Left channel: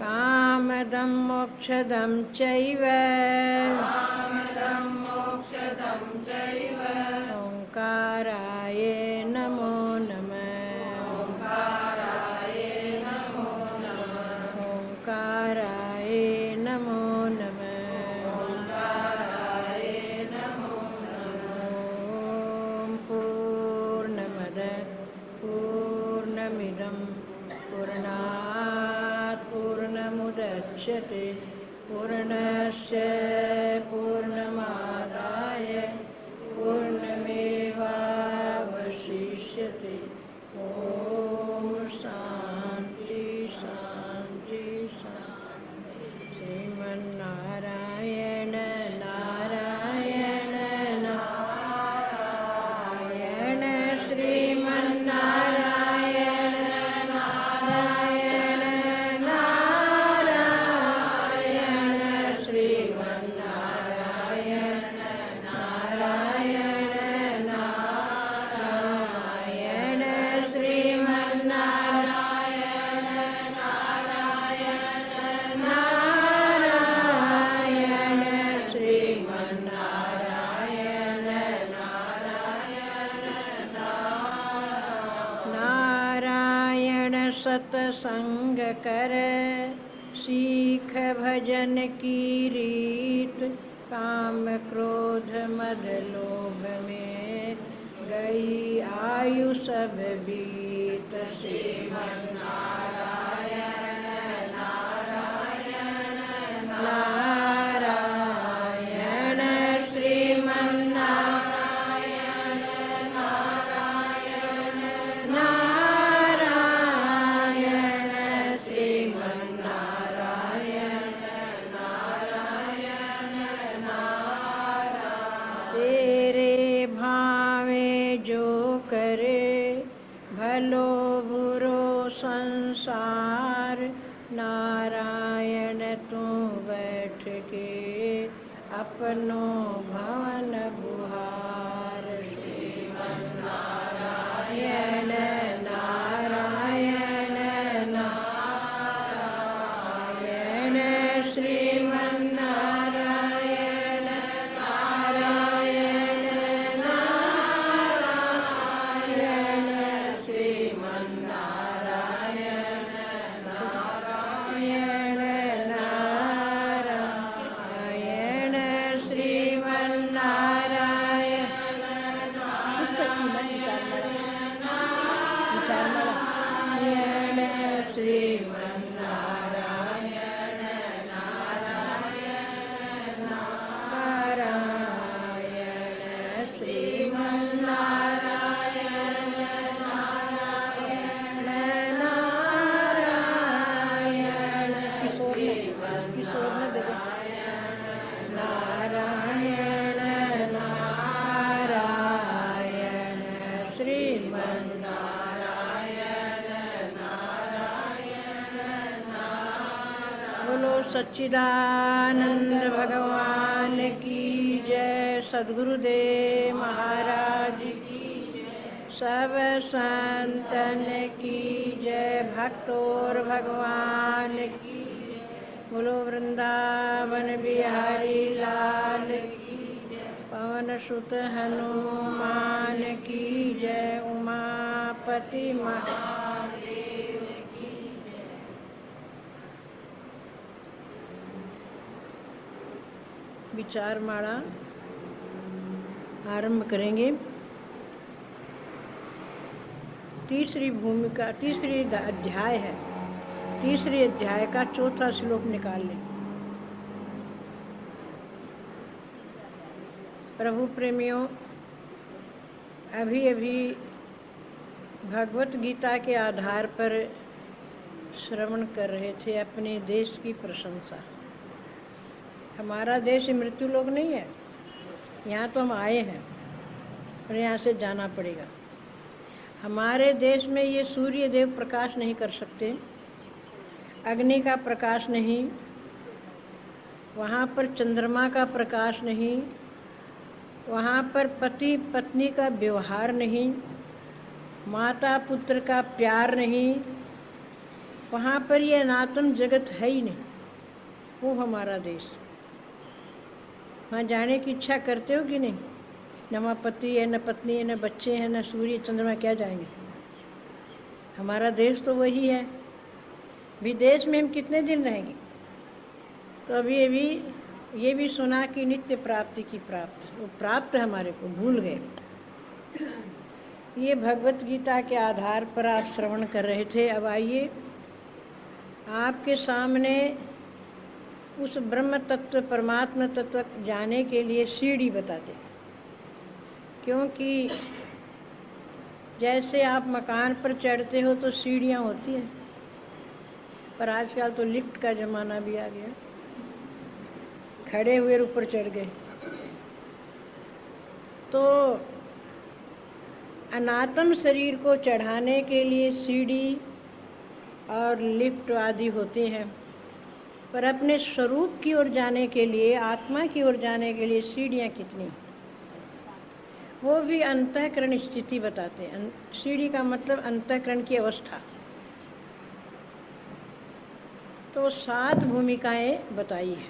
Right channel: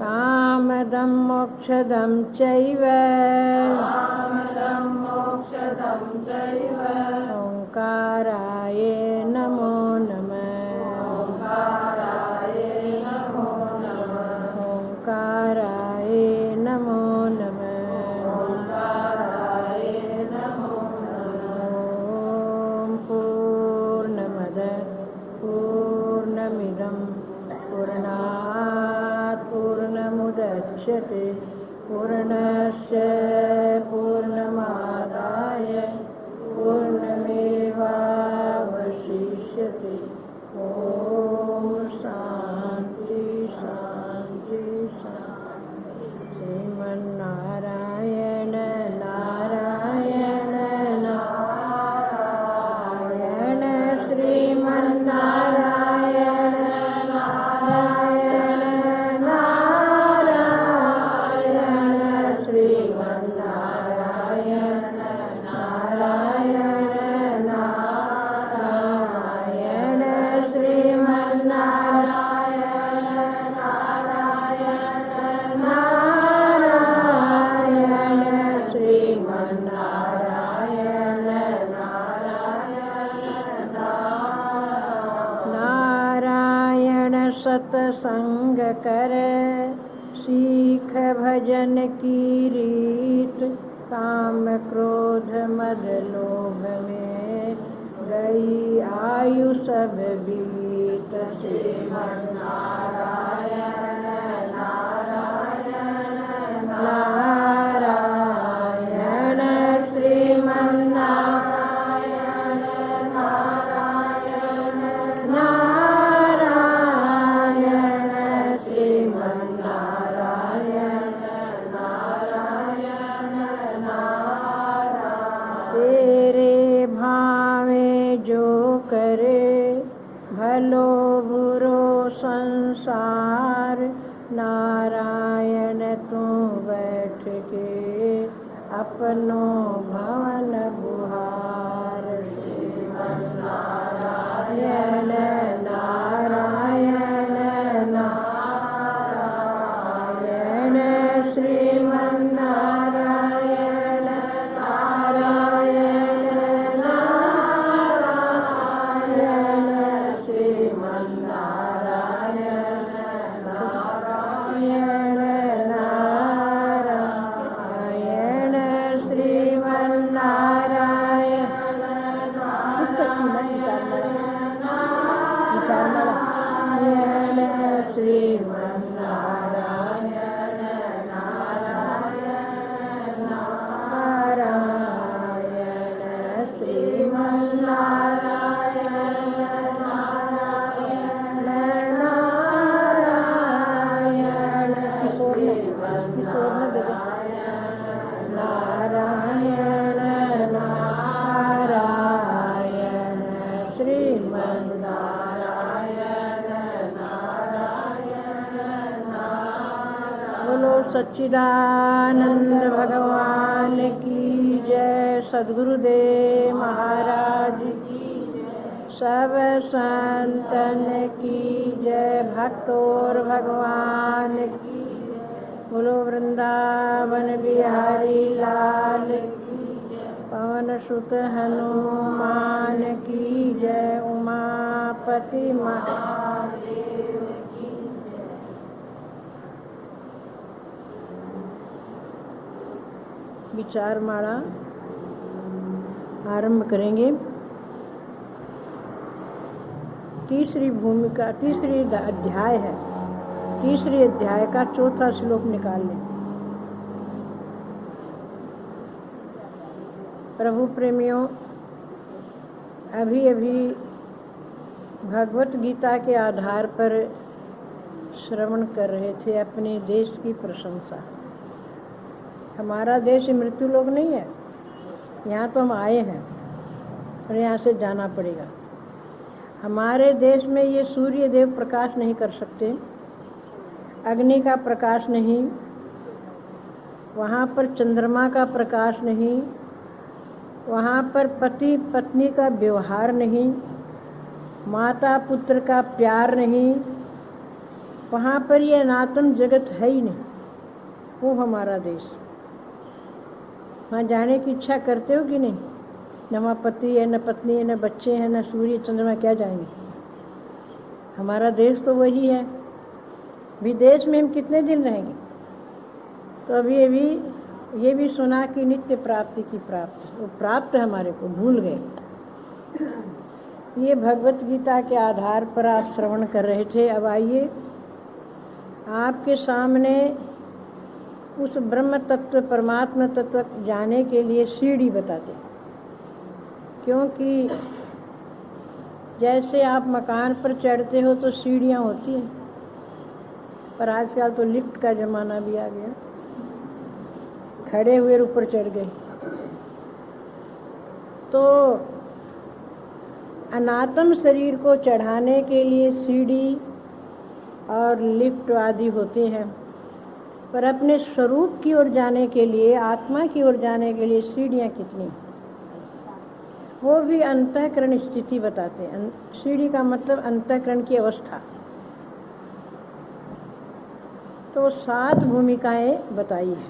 कामदं मोक्षदं चैव ओंकाराय नमो नमः ओंकाराय नमो नमः ॐ पूर्णमदः पूर्णमिदं पूर्णात् पूर्णमुदच्यते पूर्णस्य पूर्णमादाय पूर्णमेवावशिष्यते। ॐ शान्ति शान्ति शान्ति। श्रीमन्नारायण नारायण नारायण श्रीमन्नारायण नारायण नारायण श्रीमन्नारायण नारायण नारायण श्रीमन्नारायण नारायण नारायण श्रीमन्नारायण नारायण सतसंग कर सीख भजन की रीत काम क्रोध मद लोभ में गई आयु सब बीत। श्रीमन्नारायण नारायण नारायण श्रीमन्नारायण नारायण नारायण श्रीमन्नारायण नारायण तेरे भावे जो करे भलो बुरो संसार नारायण तू बैठ के अपनो भवन बुहार। श्रीमन्नारायण नारायण नारायण श्रीमन्नारायण नारायण नारायण श्रीमन्नारायण नारायण नारायण श्रीमन्नारायण नारायण श्रीमन्नारायण नारायण नारायण श्रीमन्नारायण नारायण नारायण किशोर ने दे नारायण नारायण श्रीमन्नारायण नारायण बोलो सच्चिदानंद भगवान की जय। सद्गुरुदेव महाराज की जय। सब संतन की जय। भक्तोर भगवान की जय। बोलो वृंदावन बिहारी लाल की जय। पवन सुत हनुमान की जय। उमापति महादेव की जय। विचार माला आरंभ करेंगे। तीसरी भूमिका तीसरी अध्याय है। तीसरे अध्याय का चौथा श्लोक निकाल लें। प्रभु प्रेमियों, अभी अभी भगवत गीता के आधार पर श्रवण कर रहे थे अपने देश की प्रशंसा। हमारा देश मृत्यु लोक नहीं है, यहाँ तो हम आए हैं और यहाँ से जाना पड़ेगा। हमारे देश में ये सूर्य देव प्रकाश नहीं कर सकते, अग्नि का प्रकाश नहीं, वहाँ पर चंद्रमा का प्रकाश नहीं, वहाँ पर पति पत्नी का व्यवहार नहीं, माता पुत्र का प्यार नहीं, वहाँ पर ये अनात्म जगत है ही नहीं। वो हमारा देश। वहाँ जाने की इच्छा करते हो कि नहीं? न वहाँ पति है, न पत्नी है, न बच्चे हैं, न सूर्य चंद्रमा, क्या जाएंगे? हमारा देश तो वही है। विदेश में हम कितने दिन रहेंगे? तो अभी ये भी सुना कि नित्य प्राप्ति की प्राप्ति, वो प्राप्त हमारे को भूल गए। ये भगवत गीता के आधार पर आप श्रवण कर रहे थे। अब आइए आपके सामने उस ब्रह्म तत्व, परमात्मा तत्व जाने के लिए सीढ़ी बताते। क्योंकि जैसे आप मकान पर चढ़ते हो तो सीढ़ियाँ होती हैं, पर आजकल तो लिफ्ट का ज़माना भी आ गया, खड़े हुए ऊपर चढ़ गए। तो अनात्म शरीर को चढ़ाने के लिए सीढ़ी और लिफ्ट आदि होते हैं, पर अपने स्वरूप की ओर जाने के लिए, आत्मा की ओर जाने के लिए सीढ़ियाँ कितनी, वो भी अंतःकरण स्थिति बताते हैं। सीढ़ी का मतलब अंतःकरण की अवस्था। तो 7 भूमिकाएं बताई है,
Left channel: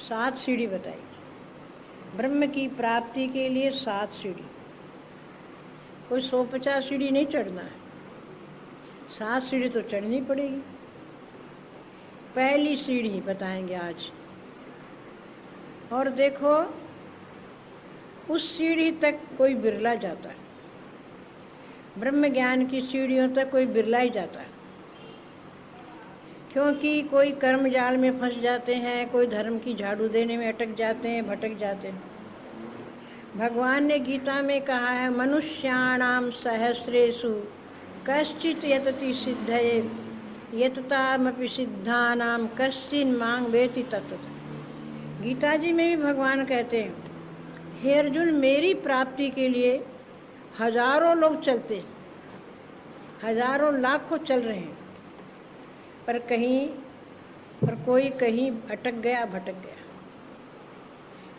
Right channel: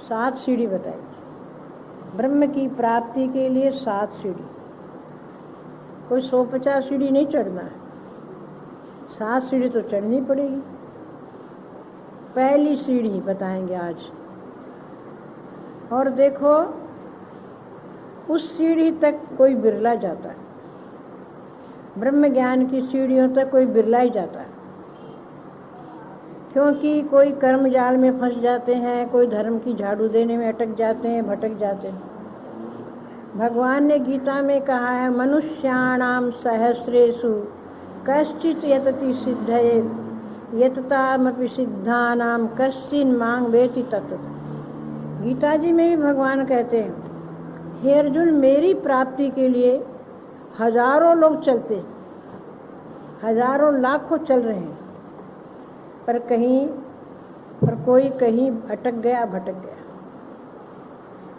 7 सीढ़ी बताई। ब्रह्म की प्राप्ति के लिए 7 सीढ़ी। कोई 150 सीढ़ी नहीं चढ़ना है, 7 सीढ़ी तो चढ़नी पड़ेगी। पहली सीढ़ी बताएंगे आज। और देखो, उस सीढ़ी तक कोई बिरला जाता है। ब्रह्म ज्ञान की सीढ़ियों तक कोई बिरला ही जाता है, क्योंकि कोई कर्म जाल में फंस जाते हैं, कोई धर्म की झाड़ू देने में अटक जाते हैं, भटक जाते हैं। भगवान ने गीता में कहा है, मनुष्याणाम सहस्रेषु कश्चित् यतति सिद्धये यततामपि सिद्धानाम कश्चिन् मां वेति तत्त्वतः। गीता जी में भी भगवान कहते हैं, हे अर्जुन, मेरी प्राप्ति के लिए हजारों लोग चलते, हजारों लाखों चल रहे हैं, पर कोई कहीं अटक गया, भटक गया।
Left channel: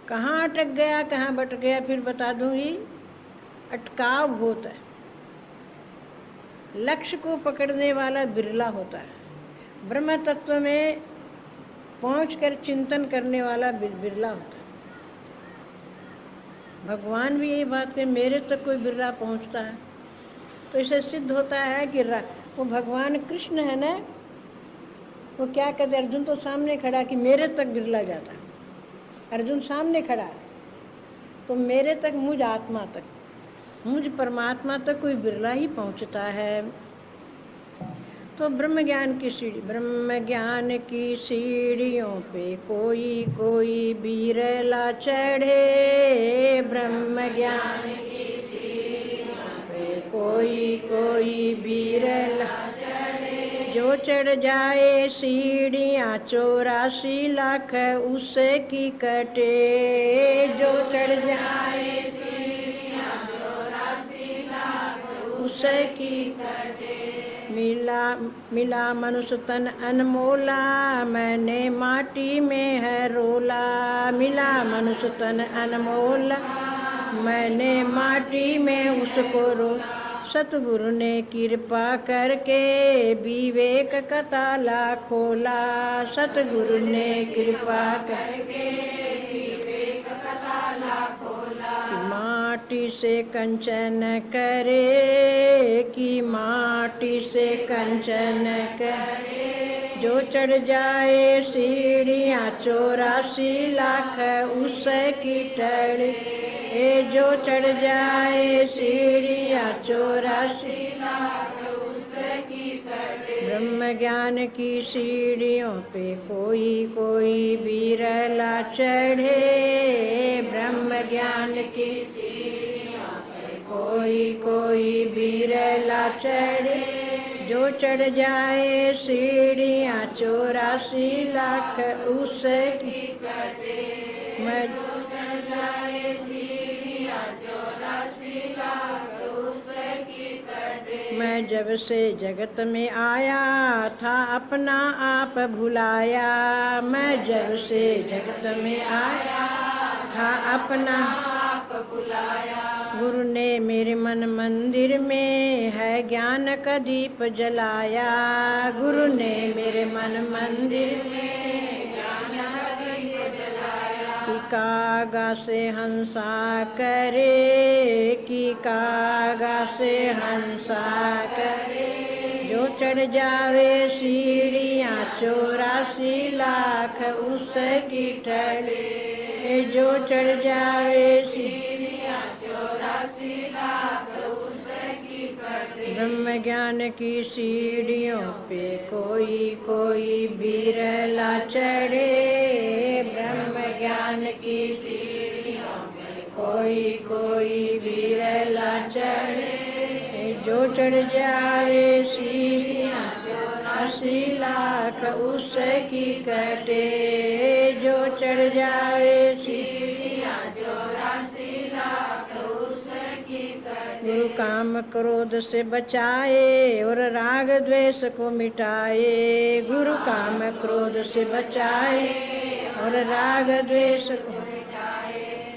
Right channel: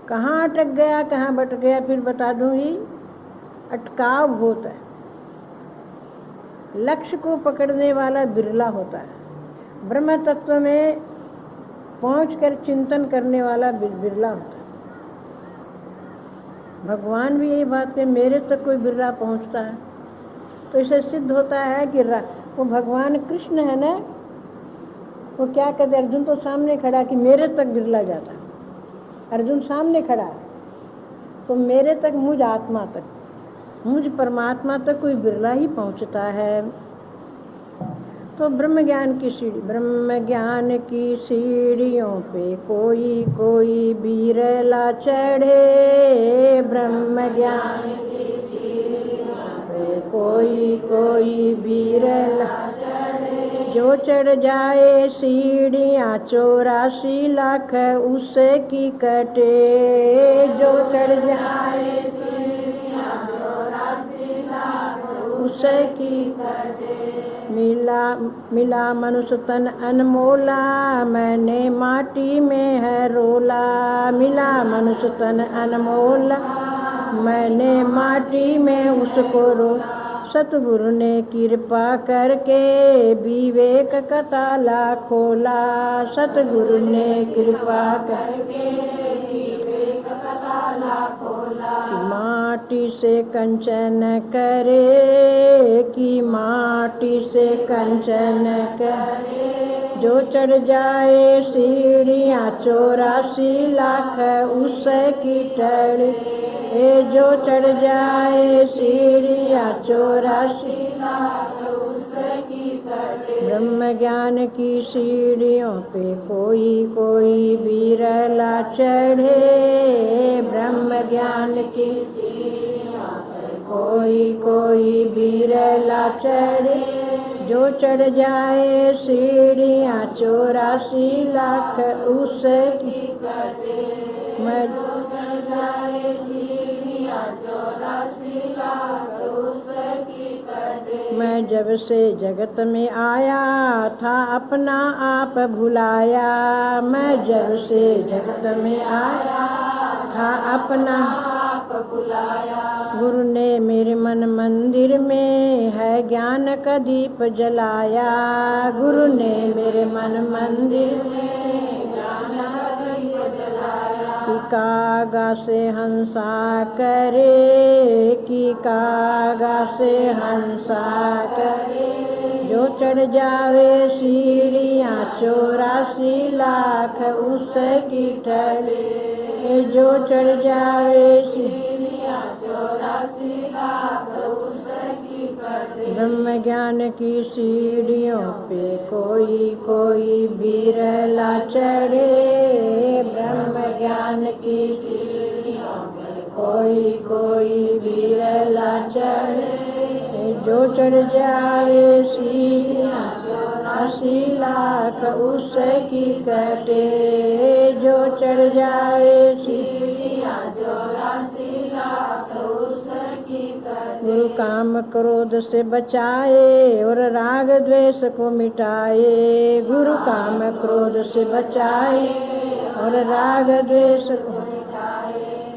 कहाँ अटक गया, कहाँ भटक गया, फिर बता दूंगी। अटकाव होता है, लक्ष्य को पकड़ने वाला बिरला होता है। ब्रह्म तत्व में पहुंचकर चिंतन करने वाला बिरला होता है। भगवान भी यही बात है, मेरे तक कोई बिरला पहुंचता है। तो इसे सिद्ध होता है कि वो भगवान कृष्ण है ना, वो क्या कहते, अर्जुन तो सामने खड़ा कि मेरे तक बिरला जाता है। अर्जुन सामने खड़ा है, तो मेरे तक, मुझ आत्मा तक, मुझ परमात्मा तक कोई बिरला ही पहुंचता है। तो ब्रह्म ज्ञान की सीढ़ी, ब्रह्म ज्ञान की सीढ़ियों पे कोई कोई बिरला चढ़े। ब्रह्म ज्ञान की सीढ़ियों पे कोई कोई बिरला चढ़े। जो चढ़ जाए सीढ़ियाँ 84 लाख उसकी कटे। जो चढ़ जाए सीढ़ियाँ 84 लाख उसकी कटे। मिला मनुष्य तन अनमोला, मैंने माटी में है रोला। मिला मनुष्य तन अनमोला, मैंने माटी में उसको रोला। सतगुरु ने कृपा करके विवेक का ताला खोला। सतगुरु ने कृपा करके विवेक का ताला खोला। माटी से कंचन करे, कि माटी से कंचन करे। जो चढ़ जाए सीढ़ियाँ 84 लाख उसकी टड़े। जो चढ़ जाए सीढ़ियाँ 84 लाख उसकी टड़े। ब्रह्म ज्ञान की सीढ़ियों पे कोई कोई बिरला चढ़े। ब्रह्म ज्ञान की सीढ़ियों पे कोई कोई बिरला चढ़े। जो चढ़ जाए सीढ़ियाँ 84 लाख उसकी कटे। मैं जो चढ़ जाए सीढ़ियाँ 84 लाख उसकी कटे। मैं जब से जगत में आया था अपना आप भुलाया। मैं जब से जगत में आया था अपना आप भुलाया। गुरु ने मेरे मन मंदिर में है ज्ञान का दीप जलाया। गुरु ने मेरे मन मंदिर में ज्ञान का दीप जलाया। कि कागा से हंसा करे, कि कागा से हंसा करे, जो चढ़ जावे सीढ़ियाँ 84 लाख उसकी टड़े। जो चढ़ जावे सीढ़ियाँ 84 लाख उसकी टड़े। ब्रह्म ज्ञान की सीढ़ियों पे कोई कोई बिरला चढ़े। ब्रह्म ज्ञान की सीढ़ियों पे कोई कोई बिरला चढ़े। जो चढ़ जावे सीढ़ियाँ 84 लाख उसकी कटे। जो चढ़ जावे सीढ़ियाँ 84 लाख उसकी कटे। गुरु काम क्रोध से बचाए और राग द्वेष को मिटाए। गुरु काम क्रोध से बचाए और राग द्वेष को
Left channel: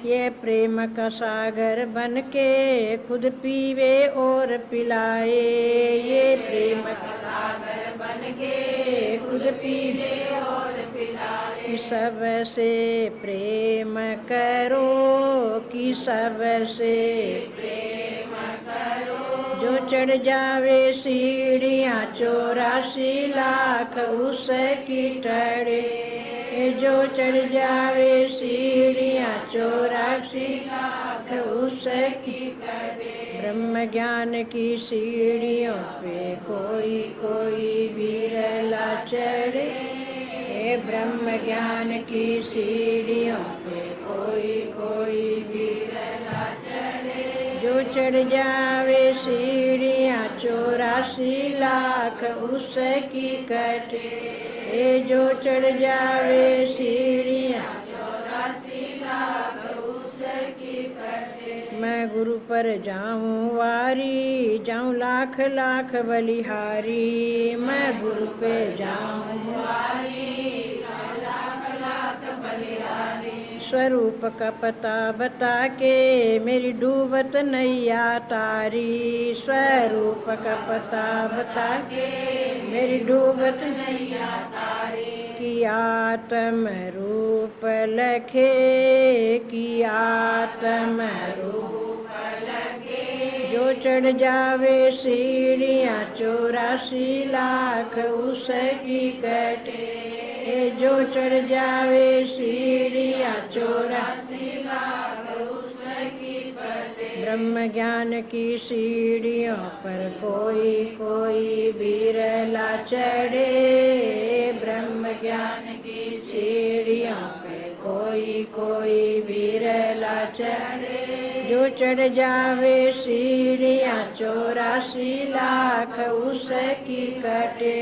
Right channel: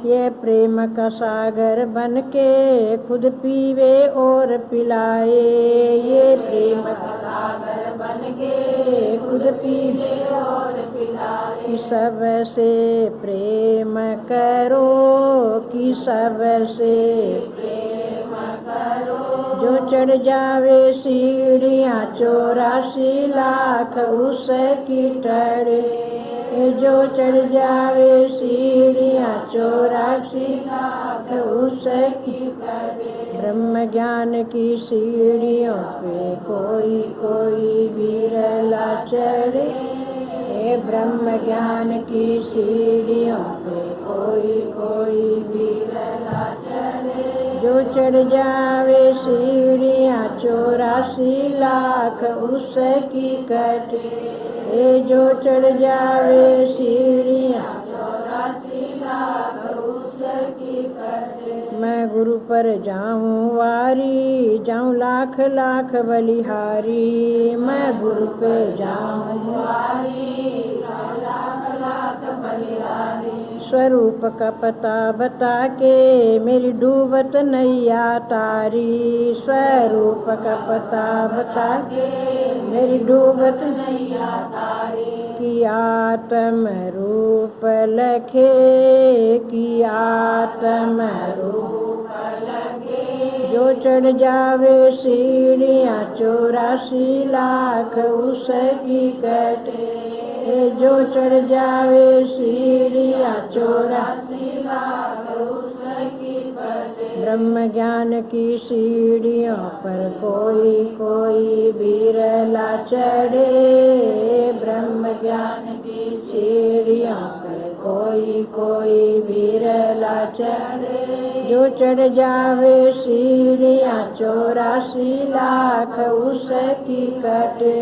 ये प्रेम का सागर बन के खुद पीवे और पिलाए। ये प्रेम का सागर बन के खुद पीवे और पिलाए। कि सबसे प्रेम करो, कि सबसे प्रेम करो, जो चढ़ जावे सीढ़ियाँ 84 लाख उसकी टड़े। जो चढ़ जावे सीढ़ियाँ 84 लाख उसकी कटे। ब्रह्म ज्ञान की सीढ़ियों पे कोई कोई बिरला चढ़े। ब्रह्म ज्ञान की सीढ़ियों पे कोई कोई बिरला चढ़े। जो चढ़ जावे सीढ़ियाँ 84 लाख उसकी कटे। जो चढ़ जावे सीढ़ियाँ 84 लाख उसकी कटे। मैं गुरु पर जाऊँ वारी, जाऊँ लाख लाख बलिहारी। मैं गुरु पे जाऊँ वारी, जाऊँ लाख लाख बलिहारी। स्वरूप का पता बता के मेरी डूबत नैया तारी। स्वरूप का पता बता के मेरी डूबत नैया तारी। कि आत्म रूप लखे, कि आत्म रूप लखे, जो चढ़ जावे सीढ़ियाँ 84 लाख उसकी कटे। जो चढ़ जावे सीढ़ियाँ 84 लाख उसकी कटे। ब्रह्म ज्ञान की सीढ़ियों पर कोई कोई बिरला चढ़े। ब्रह्म ज्ञान की सीढ़ियों पे कोई कोई बिरला चढ़े। जो चढ़ जावे सीढ़ियाँ 84 लाख उसकी कटे।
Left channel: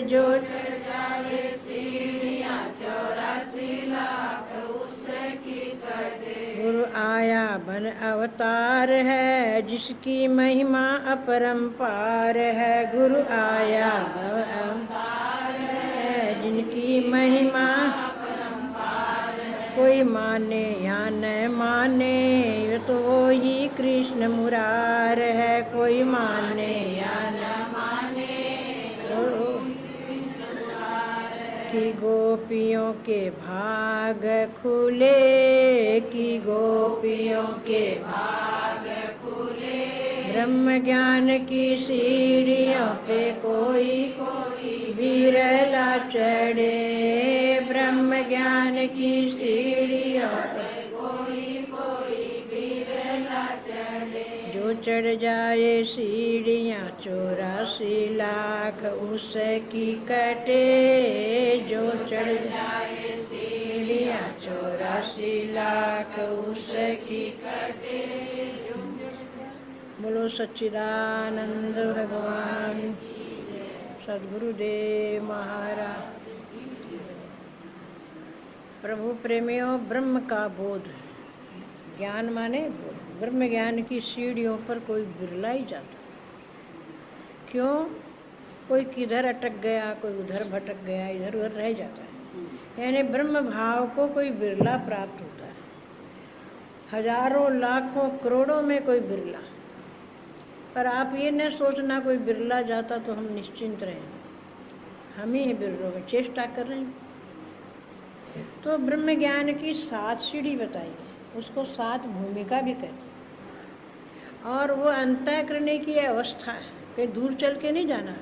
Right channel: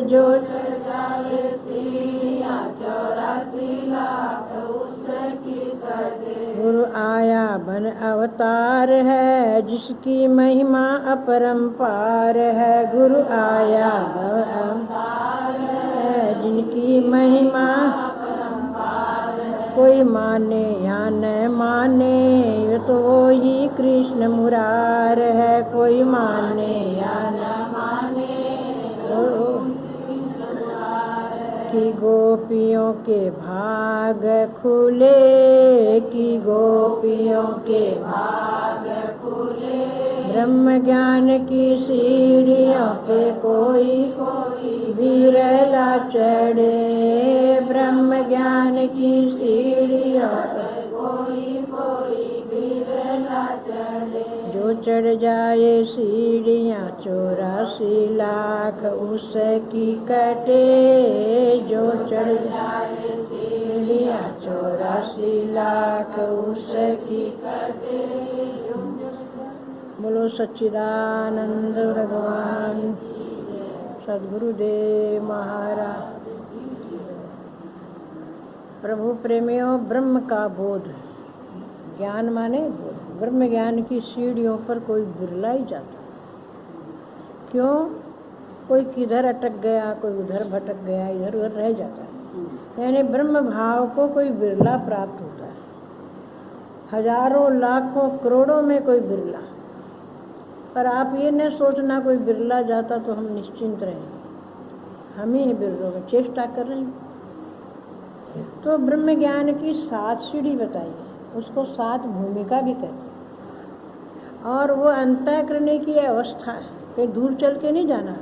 जो चढ़ जावे सीढ़ियाँ 84 लाख उसकी कटे। गुरु आया बन अवतार है जिसकी महिमा अपरंपार है। गुरु आया बन अवतार है जिनकी महिमा अपरंपार है। कोई माने या न माने ये तो वो ही कृष्ण मुरार है। कोई माने या न माने कि गोपियों के भाग खुले, कि गोपियों के भाग खुले। ब्रह्म ज्ञान की सीढ़ियों पे कोई कोई बिरला चढ़े। ब्रह्म ज्ञान की सीढ़ियों पे कोई कोई बिरला चढ़े। जो चढ़ जाए सीढ़ियाँ 84 लाख उसकी कटे। जो चढ़ जाए सीढ़ियाँ 84 लाख उसकी कटे। बोलो सच्चिदानंद भगवान सद्गुरुदेव महाराज। प्रभु प्रेमियों, ब्रह्म का बोध, ज्ञान माने बोध। ब्रह्म ज्ञान की सीढ़ियों पर कोई बिरला ही जाता। क्यों? कोई किधर अटक गया, कोई उधर भटक गया, इधर उधर रह जाता है। यानी ब्रह्म भाव को कोई बिरला प्राप्त होता है। हजारों लाखों करोड़ों में कोई बिरला। पर आप ये न सोचना कोई बिरला जाता तो हम निश्चिंत रहें, हम ही बिरलों में चेष्टा कर रहे हैं। तो ब्रह्म ज्ञान की 7 सीढ़ी बताई, उसको 7 भूमिका भी कहते हैं। और वो अंतःकरण की अवस्था है, कहीं दूर चल के नहीं जाना,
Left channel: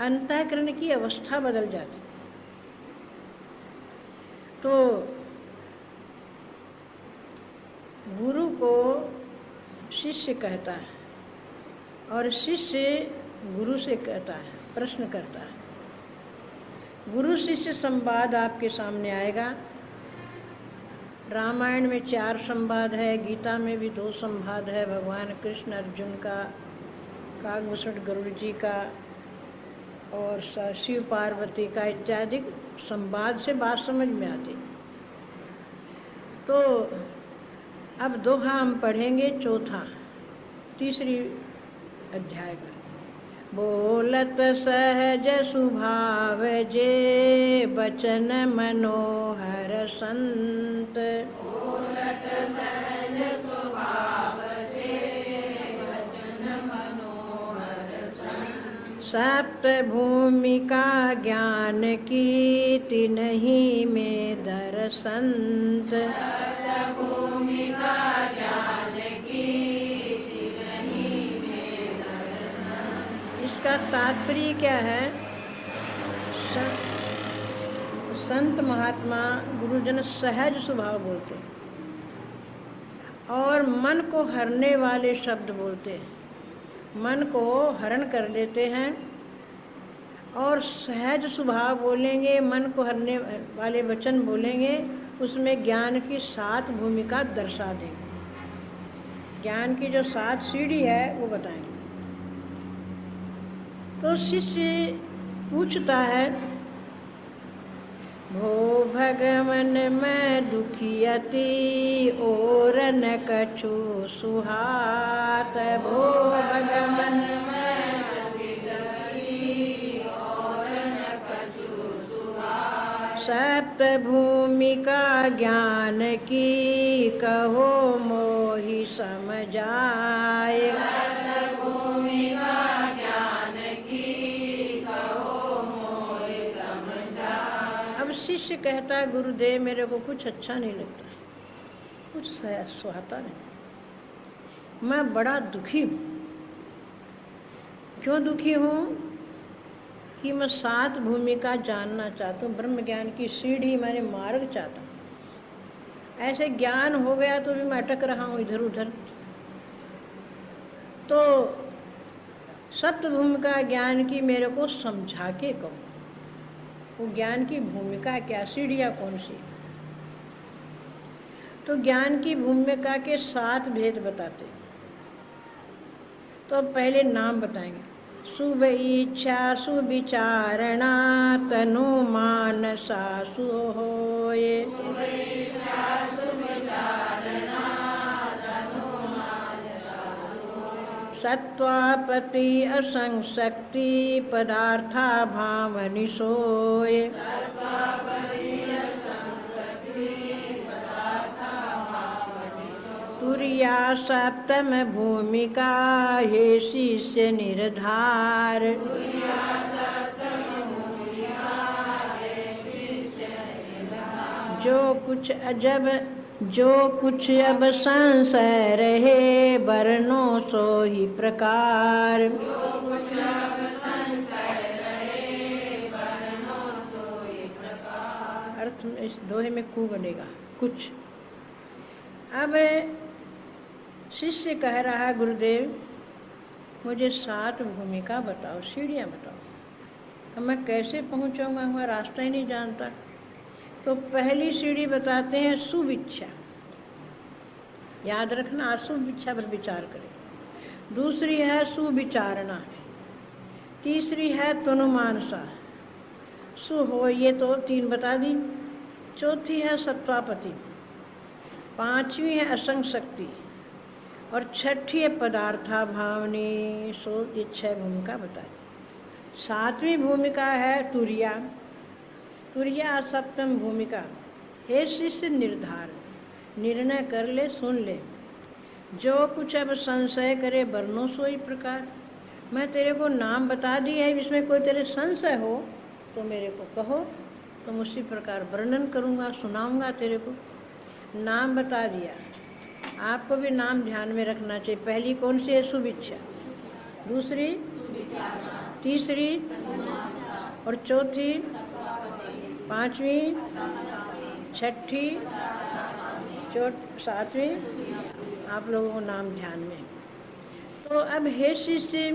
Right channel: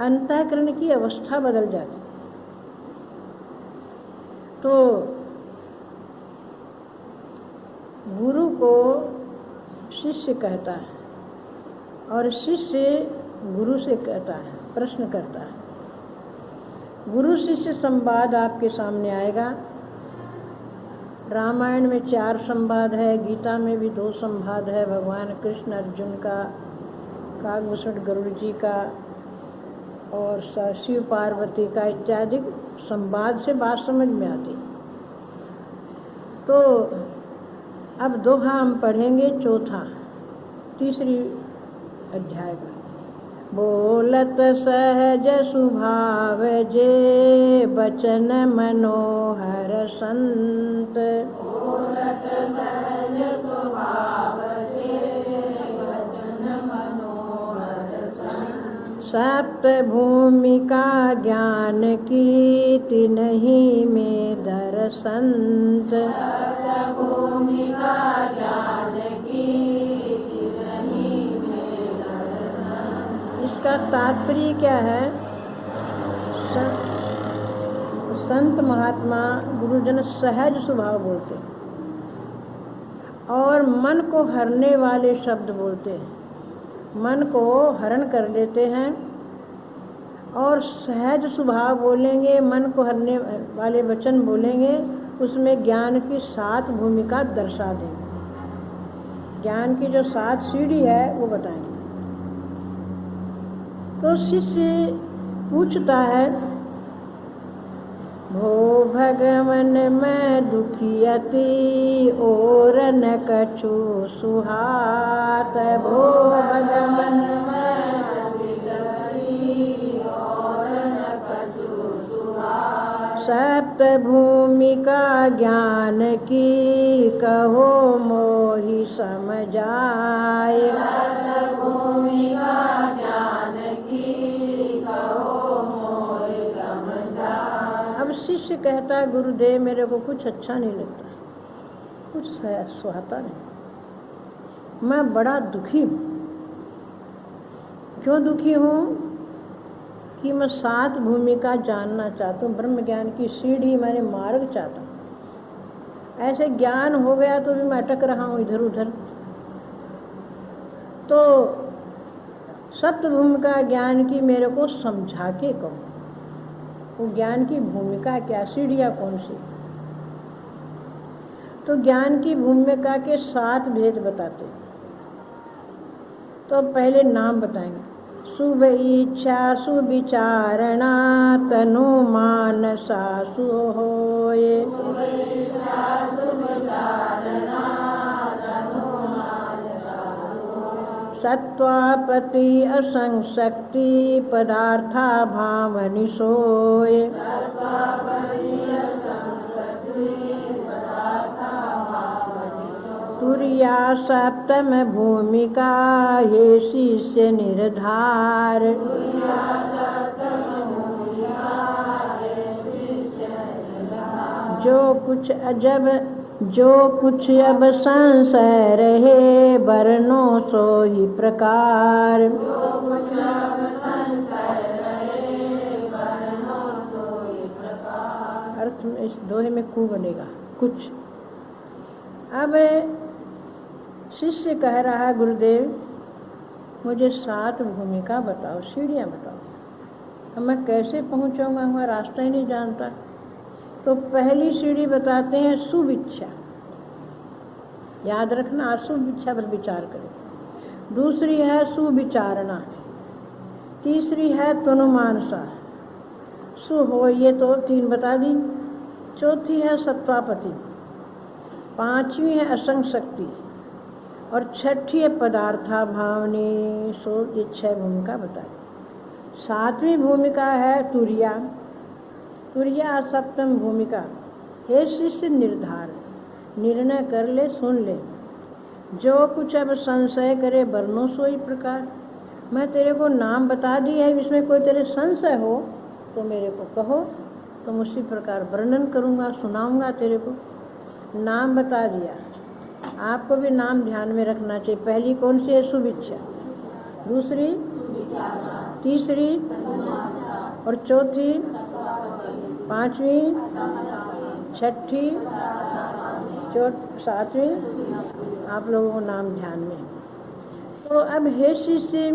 अंतःकरण की अवस्था बदल जाती। तो गुरु को शिष्य कहता है और शिष्य गुरु से कहता है, प्रश्न करता है। गुरु शिष्य संवाद आपके सामने आएगा। रामायण में 4 संवाद है, गीता में भी 2 संवाद है, भगवान कृष्ण अर्जुन का, काकभूषण गरुड़ जी का और शिव पार्वती का इत्यादि संवाद से बात समझ में आती। तो अब दोहा हम पढ़ेंगे, चौथा 3री अध्याय का। बोलत सहज सुभाव जे बचन मनोहर संत, बोलत सहज सुभाव जे बचन मनोहर संत, सप्त भूमिका ज्ञान की तिन्हि में दर्शंत, सप्त भूमिका ज्ञान की इसका तात्पर्य क्या है? संत महात्मा गुरुजन सहज स्वभाव बोलते हैं और मन को हरने वाले शब्द बोलते हैं, मन को हरण कर लेते हैं। और सहज स्वभाव बोलेंगे, मन को हरने वाले वचन बोलेंगे, उसमें ज्ञान की 7 भूमिका दर्शा देंगे। ज्ञान की जो 7 सीढ़ी है वो बताएंगे। तो शिष्य पूछता है, भो भगवन मैं दुखी अति और न कछु सुहात, भो भगवन मैं दुखी अति और न कछु सुहात, सप्त भूमिका ज्ञान की कहो मोहि समझाए, सप्त भूमिका शिष्य कहता है, गुरुदेव मेरे को कुछ अच्छा नहीं लगता, कुछ सुहाता नहीं, मैं बड़ा दुखी हूँ। क्यों दुखी हूँ? कि मैं 7 भूमिका जानना चाहता हूँ, ब्रह्म ज्ञान की सीढ़ी मैंने मार्ग चाहता हूँ। ऐसे ज्ञान हो गया तो भी मैं अटक रहा हूँ इधर उधर। तो सप्त भूमिका ज्ञान की मेरे को समझा के कहो, वो ज्ञान की भूमिका क्या, सीढ़ियाँ कौन सी? तो ज्ञान की भूमिका के 7 भेद बताते। तो पहले नाम बताएंगे। शुभ इच्छा सुविचारणा तनु मानसा सुहोये, सत्वापति असंशक्ति पदार्था भावनि सोय, तुर्या सप्तम भूमिका हे शिष्य निर्धार, जो कुछ अब संशय रहे वर्णों सो ही प्रकार, अर्थ में इस दोहे में कु बनेगा कुछ। अब शिष्य कह रहा है, गुरुदेव मुझे 7 भूमिका बताओ, सीढ़ियाँ बताओ। अब मैं कैसे पहुँचाऊँगा, मैं रास्ता ही नहीं जानता। तो पहली सीढ़ी बताते हैं शुभ इच्छा, याद रखना, अशुभ इच्छा पर विचार करें। दूसरी है सुविचारणा, तीसरी है तनुमानसा सु हो, ये तो 3 बता दी। चौथी है सत्वापति, 5वीं है असंग शक्ति और 6ठी है पदार्था भावनी सो। ये 6 भूमिका बताई। 7वीं भूमिका है तुर्या, तुर्या सप्तम भूमिका हे शिष्य निर्धार, निर्णय कर ले, सुन ले। जो कुछ अब संशय करे वर्णो सोई प्रकार। मैं तेरे को नाम बता दिया है, इसमें कोई तेरे संशय हो तो मेरे को कहो, तो उसी प्रकार वर्णन करूँगा, सुनाऊँगा तेरे को। नाम बता दिया। आपको भी नाम ध्यान में रखना चाहिए। पहली कौन सी है? सुविच्छा। दूसरी, तीसरी और चौथी, पांचवी, छठी, सातवीं। आप लोगों को नाम ध्यान में। तो अब हे शिष्य,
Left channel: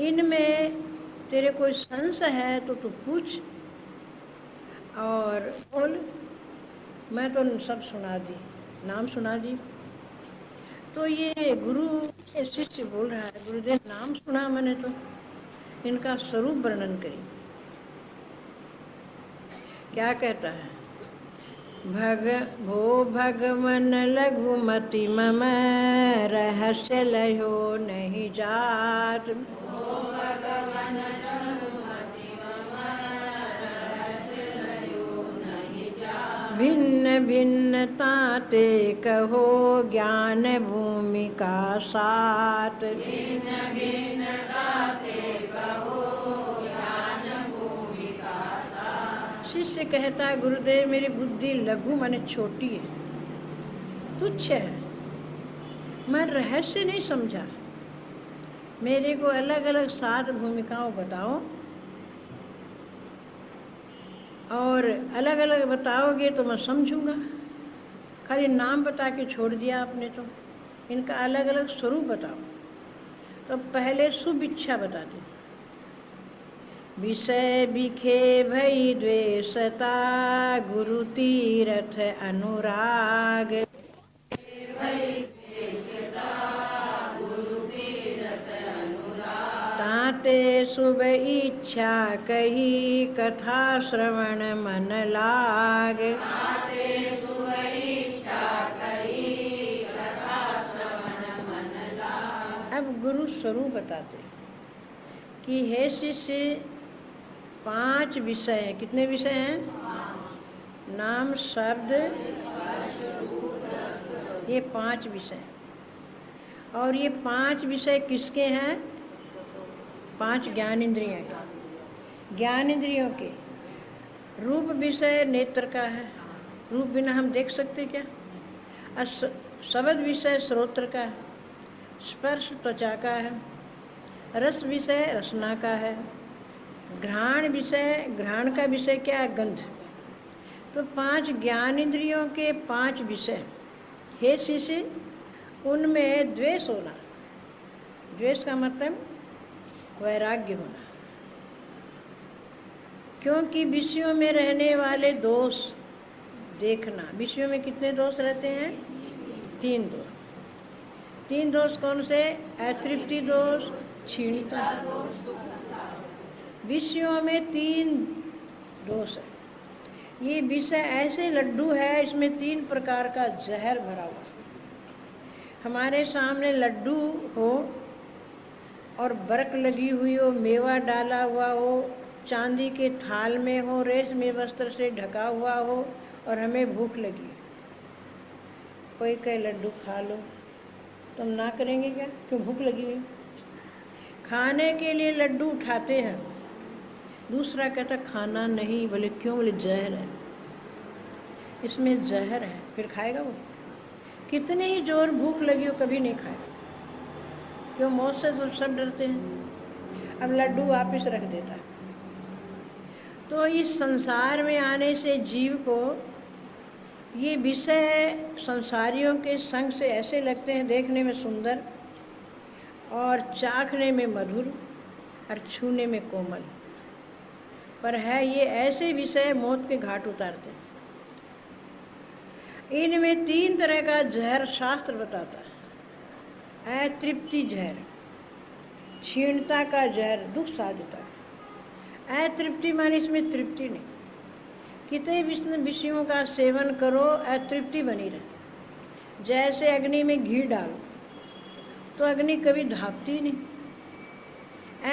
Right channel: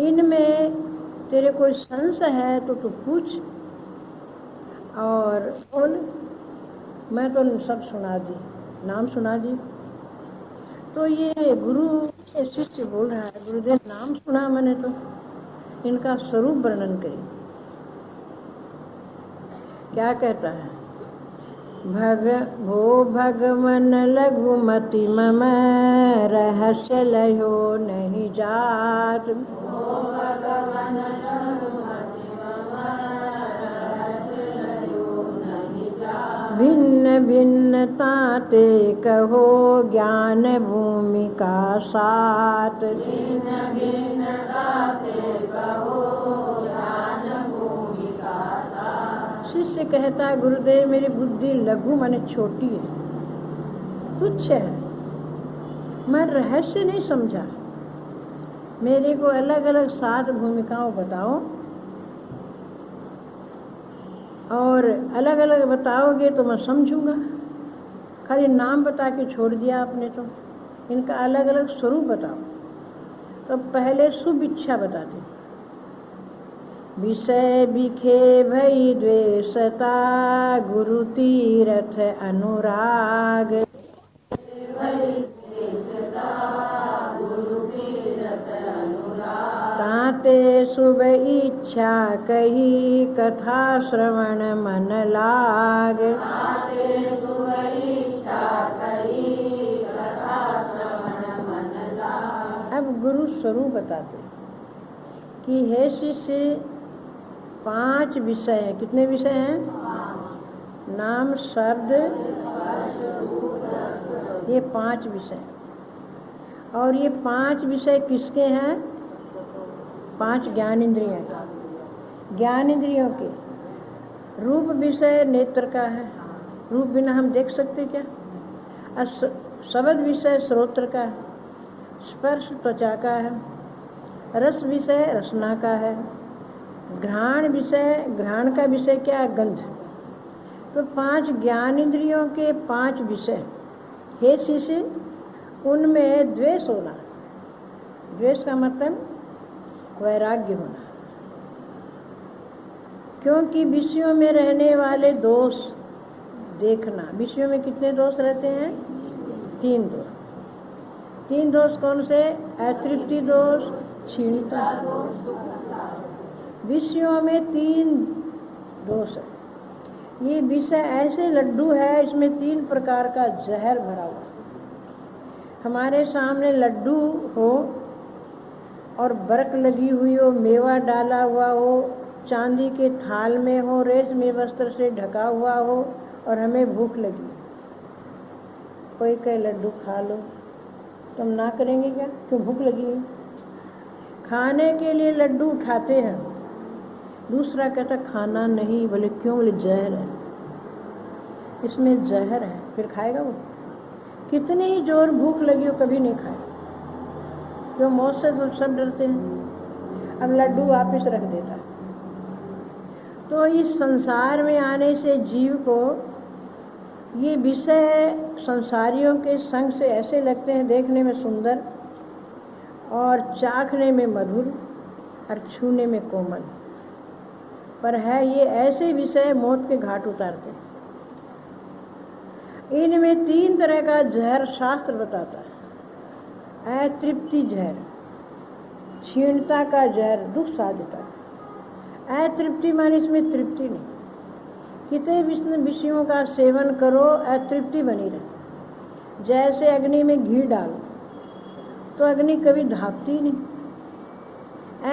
इनमें तेरे कोई संशय है तो तू पूछ और बोल। मैं तो सब सुना दी, नाम सुना दी। तो ये गुरु ये शिष्य बोल रहा है, गुरुदेव नाम सुना मैंने, तो इनका स्वरूप वर्णन करी। क्या कहता है? भो भगवन लघुमति मम, रहस्य लयो नहीं जात। भिन्न भिन्न ताते कहो, ज्ञान भूमिका सात। शिष्य कहता है, गुरुदेव मेरी बुद्धि लघु माने छोटी है, तुच्छ है, मैं रहस्य नहीं समझा। मेरे को अलग अलग 7 भूमिकाओं बताओ, और अलग अलग बताओगे तो मैं समझूंगा। खाली नाम बता के छोड़ दिया आपने, तो इनका अलग अलग स्वरूप बताओ। तो पहले सुविच्छा बताते। विषय बिखे भई द्वेषता, गुरु तीरथ अनुराग। ताते शुभ इच्छा कही, कथा श्रवण मन लाग। अब गुरु स्वरूप बताते कि हे शिष्य, 5 विषय हैं। कितने विषय हैं? नाम, शब्द, ये 5 विषय। और ये 5 विषय किसके हैं? 5 ज्ञान इंद्रियों के। ज्ञान इंद्रियों के रूप विषय नेत्र का है, रूप बिना हम देख सकते क्या? शब्द विषय श्रोत्र का है, स्पर्श त्वचा का है, रस विषय रसना का है, घ्राण विषय, घ्राण का विषय क्या है? गंध। तो 5 ज्ञान इंद्रियों के 5 विषय। हे शिष्य, उनमें द्वेष होना। द्वेष का मतलब वैराग्य होना। क्योंकि विषयों में रहने वाले दोष देखना। विषयों में कितने दोष रहते हैं? 3 दोष। 3 दोष कौन से? अतृप्ति दोष, क्षीणता। विषयों में 3 दोष है। ये विषय ऐसे लड्डू है, इसमें 3 प्रकार का जहर भरा हुआ। हमारे सामने लड्डू हो और बर्क लगी हुई हो, मेवा डाला हुआ हो, चांदी के थाल में हो, रेशमी वस्त्र से ढका हुआ हो, और हमें भूख लगी। कोई कहे लड्डू खा लो, तुम ना करेंगे क्या? क्यों? भूख लगी हुई। खाने के लिए लड्डू उठाते हैं। दूसरा कहता खाना नहीं। बोले क्यों? बोले जहर है, इसमें जहर है। फिर खाएगा वो? कितनी ही जोर भूख लगी हो, कभी नहीं खाएगा। क्यों? मौत से तो सब डरते हैं। अब लड्डू वापिस रख देता है। तो इस संसार में आने से जीव को ये विषय संसारियों के संग से ऐसे लगते हैं, देखने में सुंदर और चाखने में मधुर और छूने में कोमल, पर है ये ऐसे विषय मौत के घाट उतारते हैं। इनमें 3 तरह का जहर शास्त्र बताता है। अतृप्ति जहर, क्षीणता का जहर, दुख साध्यता का। अतृप्ति माने इसमें तृप्ति नहीं। कितने विषयों का सेवन करो, अतृप्ति बनी रहे। जैसे अग्नि में घी डालो तो अग्नि कभी धापती नहीं,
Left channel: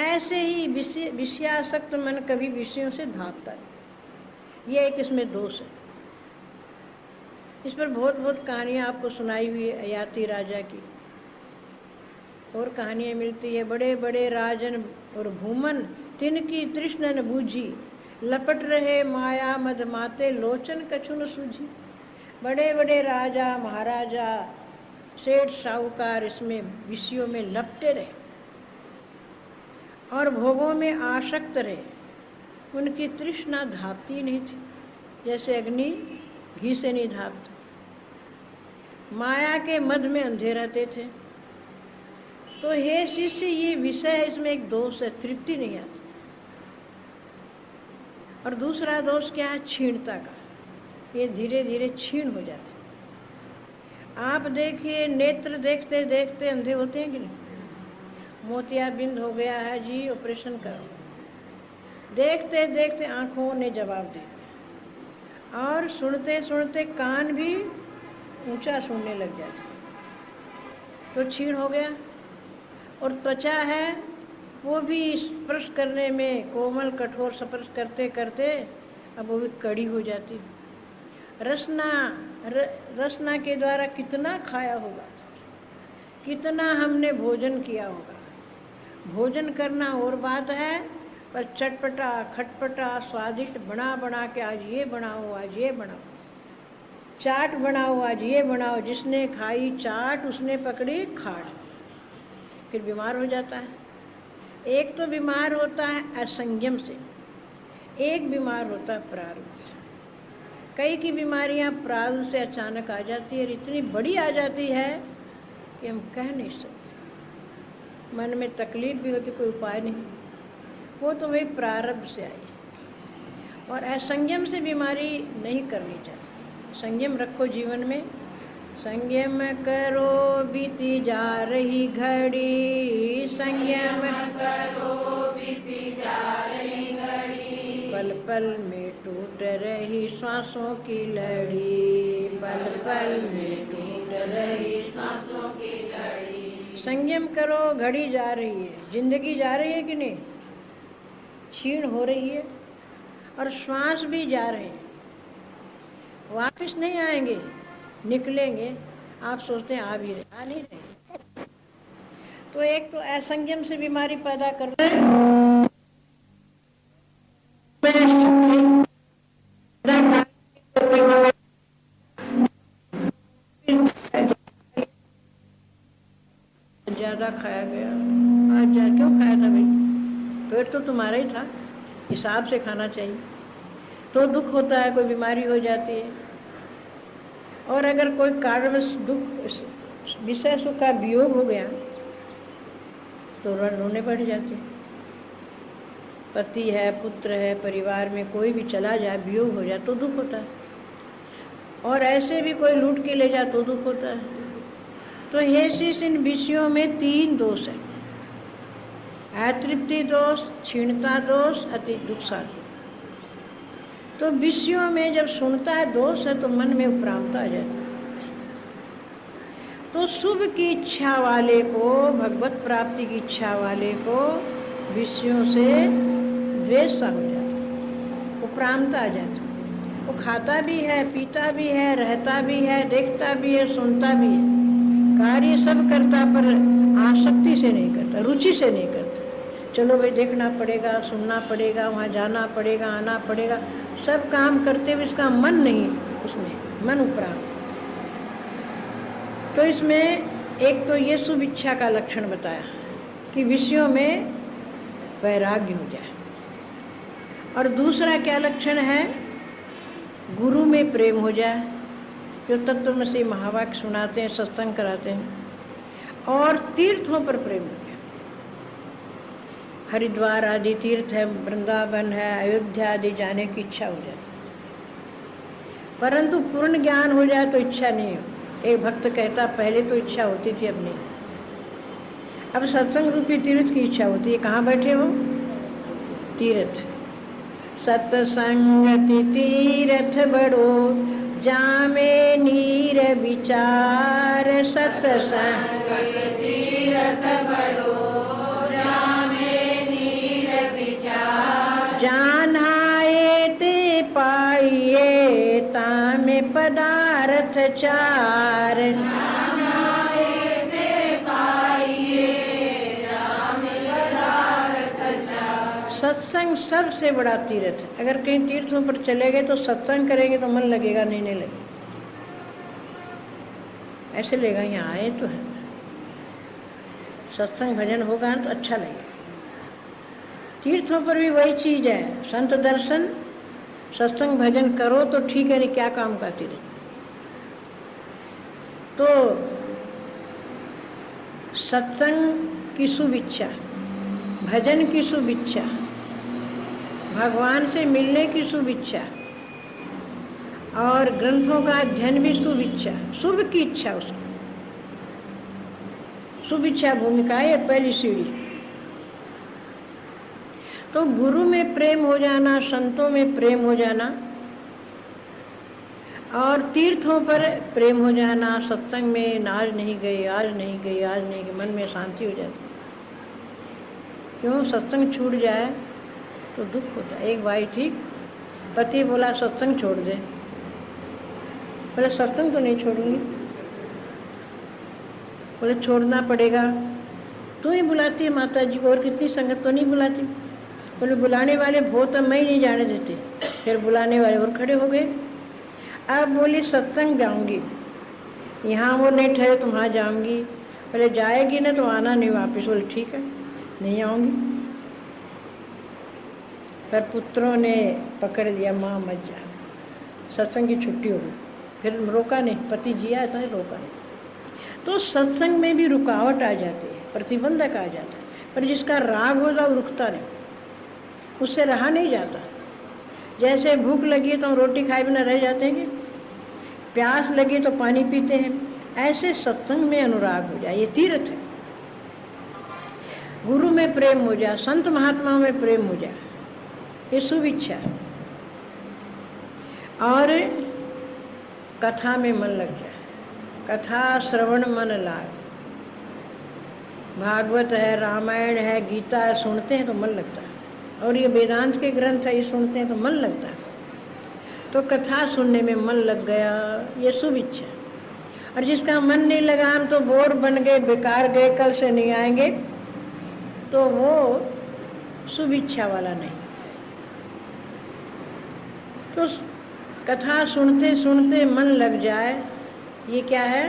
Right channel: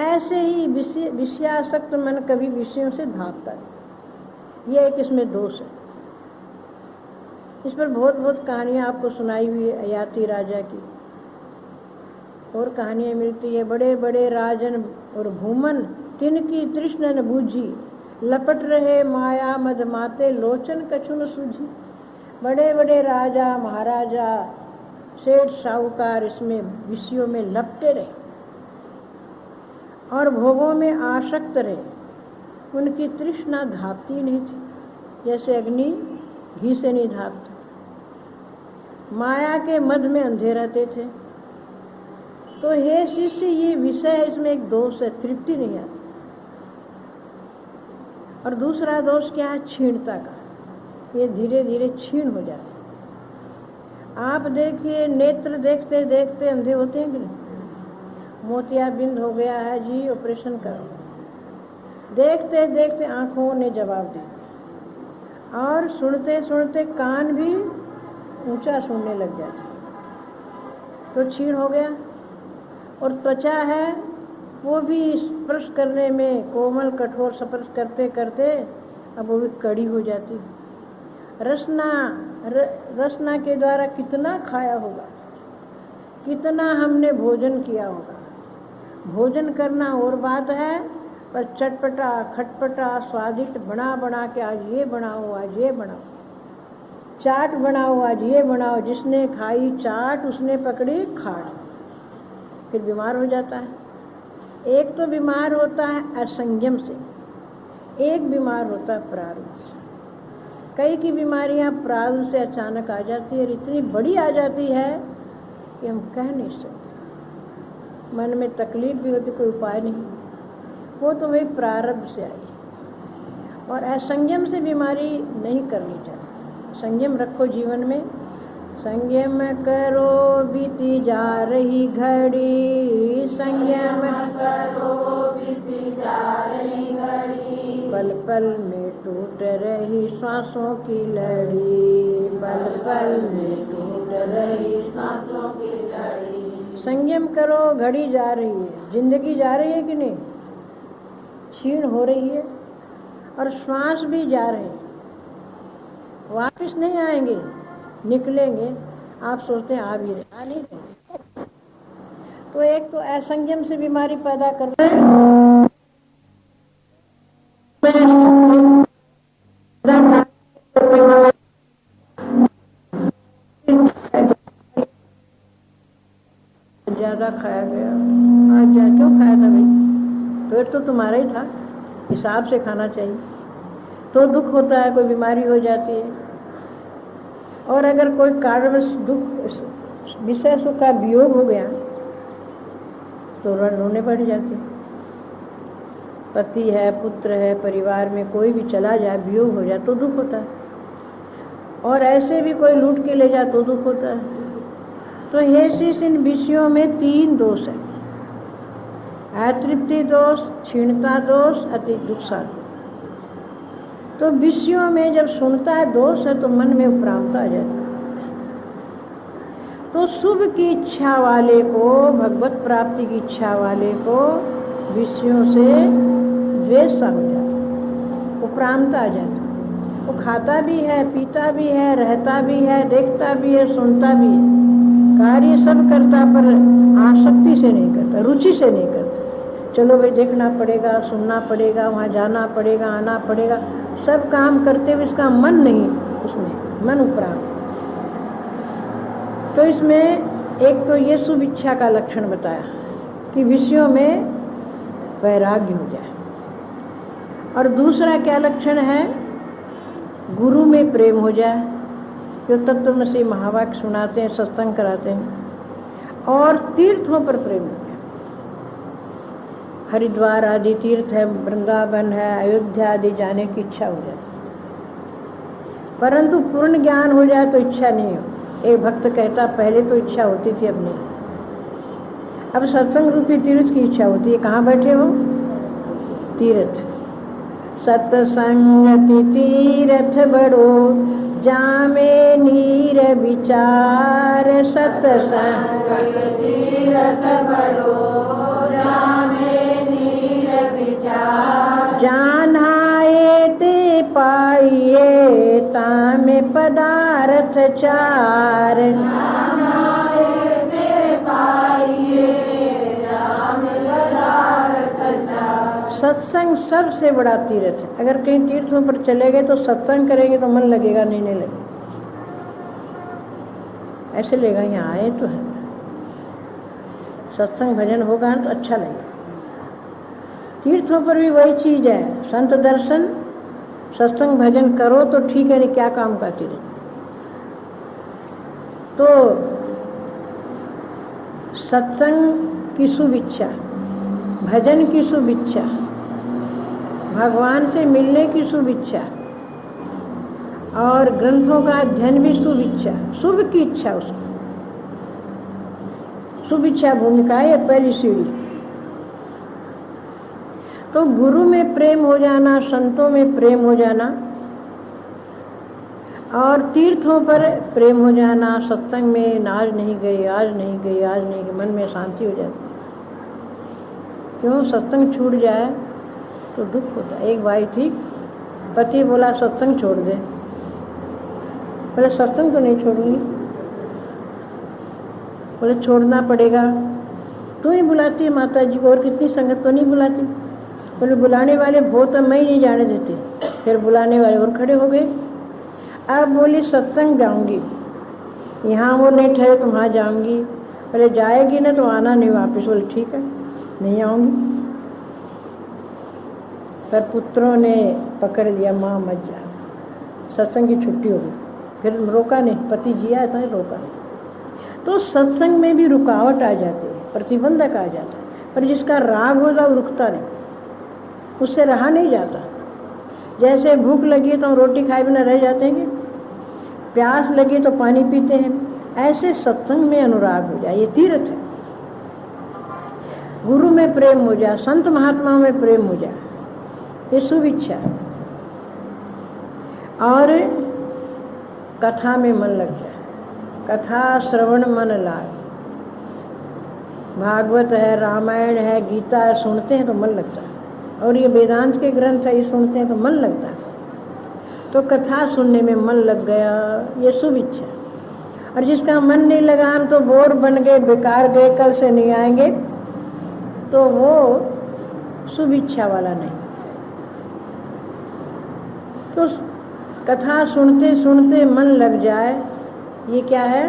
ऐसे ही विषयासक्त मन कभी विषयों से धापता नहीं। ये एक इसमें दोष है। इस पर बहुत बहुत कहानियाँ आपको सुनाई हुई है अयाती राजा की, और कहानियाँ मिलती है। बड़े बड़े राजन और भूमन तिनकी तृष्ण न बूझी, लपट रहे माया मदमाते लोचन कछु न सूझी। बड़े बड़े राजा महाराजा सेठ साहूकार इसमें विषयों में लपटे रहे और भोगों में आसक्त रहे। उनकी तृष्णा धापती नहीं थी, जैसे अग्नि घी से नहीं धापती। माया के मद में अंधे रहते थे। तो हे शिष्य, ये विषय है, इसमें एक दोष है, तृप्ति नहीं आती। और दूसरा दोष क्या है? क्षीणता का। ये धीरे धीरे क्षीण हो जाते। आप देखिए, नेत्र देखते देखते अंधे होते हैं कि नहीं? मोतियाबिंद हो गया है जी, ऑपरेशन करो। देखते देखते आंखों ने जवाब दे दिया, और सुनते सुनते कान भी ऊंचा सुनने लग जाते, तो क्षीण हो गया। और त्वचा है, वो भी स्पर्श करने में कोमल कठोर स्पर्श करते करते अब वो भी कड़ी हो जाती। रसना के द्वारा कितना खाया होगा, कितना हमने भोजन किया होगा। भोजन करना और बात है, पर चटपटा खटपटा स्वादिष्ट बना बना के आज ये बनाओ, आज ये बनाओ, चाट बनाओ, आज ये बनाओ। जिसने खाई चाट उसने पकड़ी खाट, फिर बीमार हो जाता है। एक तो बीमार होता है असंयम से, एक बीमार होता है प्रारब्ध से। कई की बीमारियां प्रारब्ध से अचानक आ जाती है, और इतनी बड़ी आ जाती है कि हम कह नहीं सकते। मन में तकलीफ भी होती, कोई उपाय नहीं, वो तो वही प्रारब्ध से आई। और असंयम से बीमारी नहीं करनी चाहिए। संयम रखो जीवन में, संयम करो बीती जा रही घड़ी, संयम करो बीती जा रही घड़ी। पल पल में टूट रही सांसों की लड़ी, पल पल में टूट रही सांसों की लड़ी। संयम करो, घड़ी जा रही है, जिंदगी जा रही है कि नहीं? क्षीण हो रही है, और श्वास भी जा रहे हैं, वापस नहीं आएंगे, निकलेंगे। आप सोचते हैं आ भी रहे, आ नहीं रहे। तो एक तो असंयम से बीमारी पैदा कर रहे हैं। ज्यादा खाया गया, आज क्यों खाया था भाई? पेट तो तुम्हारा ही था, हिसाब से खाना चाहिए। तो दुख होता है, कोई बीमारी हो जाती है। और अगर कोई कारणवश दुख, विषय सुख का वियोग हो गया तो रोने पड़ जाते। पति है, पुत्र है, परिवार में कोई भी चला जाए, वियोग हो जाए तो दुख होता है। और ऐसे भी कोई लूट के ले जाए तो दुख होता है। तो हे शिष्य, इन विषयों में 3 दोष है: अतृप्ति दोष, क्षीणता दोष, अति दुख। तो विषयों में जब सुनता है दोष है तो मन में उपरांता आ जाता है। तो शुभ की इच्छा वाले को, भगवत प्राप्ति की इच्छा वाले को विषयों से द्वेष सा हो जाता, उपरांता आ जाता। वो खाता भी है, पीता भी है, रहता भी है, देखता भी है, सुनता भी है, कार्य सब करता, पर आसक्ति से नहीं करता, रुचि से नहीं करता। चलो भाई देखना पड़ेगा, सुनना पड़ेगा, वहाँ जाना पड़ेगा, आना पड़ेगा, सब काम करते हुए इसका मन नहीं उसमें, मन उपरांत। तो इसमें एक तो ये शुभ इच्छा का लक्षण बताया कि विषयों में वैराग्य हो जाए। और दूसरा क्या लक्षण है? गुरु में प्रेम हो जाए, जो तत्वमसी महावाक्य सुनाते हैं, सत्संग कराते हैं। और तीर्थों पर प्रेम हो जाए। हरिद्वार आदि तीर्थ है, वृंदावन है, अयोध्या आदि जाने की इच्छा हो जाए। परंतु पूर्ण ज्ञान हो जाए तो इच्छा नहीं हो। एक भक्त कहता, पहले तो इच्छा होती थी, अब नहीं। अब सत्संग रूपी तीर्थ की इच्छा होती है। कहाँ बैठे हो? तीर्थ। सत्संगति तीर्थ बड़ो, जामे नीर विचार। सत्संग तीर्थ बड़ो, जामे नीर विचार। जानाए ते पाइए, तामे पदार्थ चार। सत्संग सबसे बड़ा तीर्थ है। अगर कहीं तीर्थों पर चले गए तो सत्संग करेंगे तो मन लगेगा, नहीं लगेगा, ऐसे लगेगा यहाँ आए तो है। सत्संग भजन होगा तो अच्छा लगेगा। तीर्थों पर भी वही चीज है, संत दर्शन सत्संग भजन करो तो ठीक है, नहीं क्या काम का तीर्थ। तो सत्संग की शुभ इच्छा, भजन की शुभ इच्छा, भगवान से मिलने की शुभ इच्छा और ग्रंथों का अध्ययन भी शुभ इच्छा, शुभ की इच्छा। उसको शुभ इच्छा भूमिका है पहली सीढ़ी। तो गुरु में प्रेम हो जाना, संतों में प्रेम हो जाना और तीर्थों पर प्रेम हो जाना, सत्संग में आज नहीं गए, आज नहीं गए, आज नहीं गए, मन में शांति हो जाती। क्यों? सत्संग छूट जाए तो दुख होता है। एक बाई थी, पति बोला सत्संग छोड़ दे, बोले सत्संग तो नहीं छोड़ूंगी। बोले छोड़ना पड़ेगा, तू ही बुलाती है माता जी को, और कितनी संगत तो नहीं बुलाती। बोले बुलाने वाले वो तो मैं ही नहीं जाने देते। फिर बुलाने वाले और खड़े हो गए। अब बोली सत्संग जाऊंगी, यहाँ वो नहीं ठहरे तो वहाँ जाऊंगी। बोले जाएगी ना तो आना नहीं वापस। बोले ठीक है, नहीं आऊंगी। पर पुत्रों ने पकड़ लिया, माँ मत जा, सत्संग की छुट्टी हो गई। फिर रोका नहीं, पति जिया था, रोका नहीं। तो सत्संग में भी रुकावट आ जाती है, प्रतिबंधक आ जाता है। पर जिसका राग होता वो रुकता नहीं, उससे रहा नहीं जाता। जैसे भूख लगी तो हम रोटी खाए बिना रह जाते हैं, प्यास लगी तो पानी पीते हैं, ऐसे सत्संग में अनुराग हो जाए, ये तीर्थ है। गुरु में प्रेम हो जाए, संत महात्माओं में प्रेम हो जाए, ये शुभ इच्छा है। और कथा में मन लग जाए, कथा श्रवण मन लाग। भागवत है, रामायण है, गीता है, सुनते हैं तो मन लगता है। और ये वेदांत के ग्रंथ है, ये सुनते हैं तो मन लगता है। तो कथा सुनने में मन लग गया, ये शुभ इच्छा। और जिसका मन नहीं लगा, हम तो बोर बन गए, बेकार गए, कल से नहीं आएंगे, तो वो शुभ इच्छा वाला नहीं। तो कथा सुनते सुनते मन लग जाए, ये क्या है?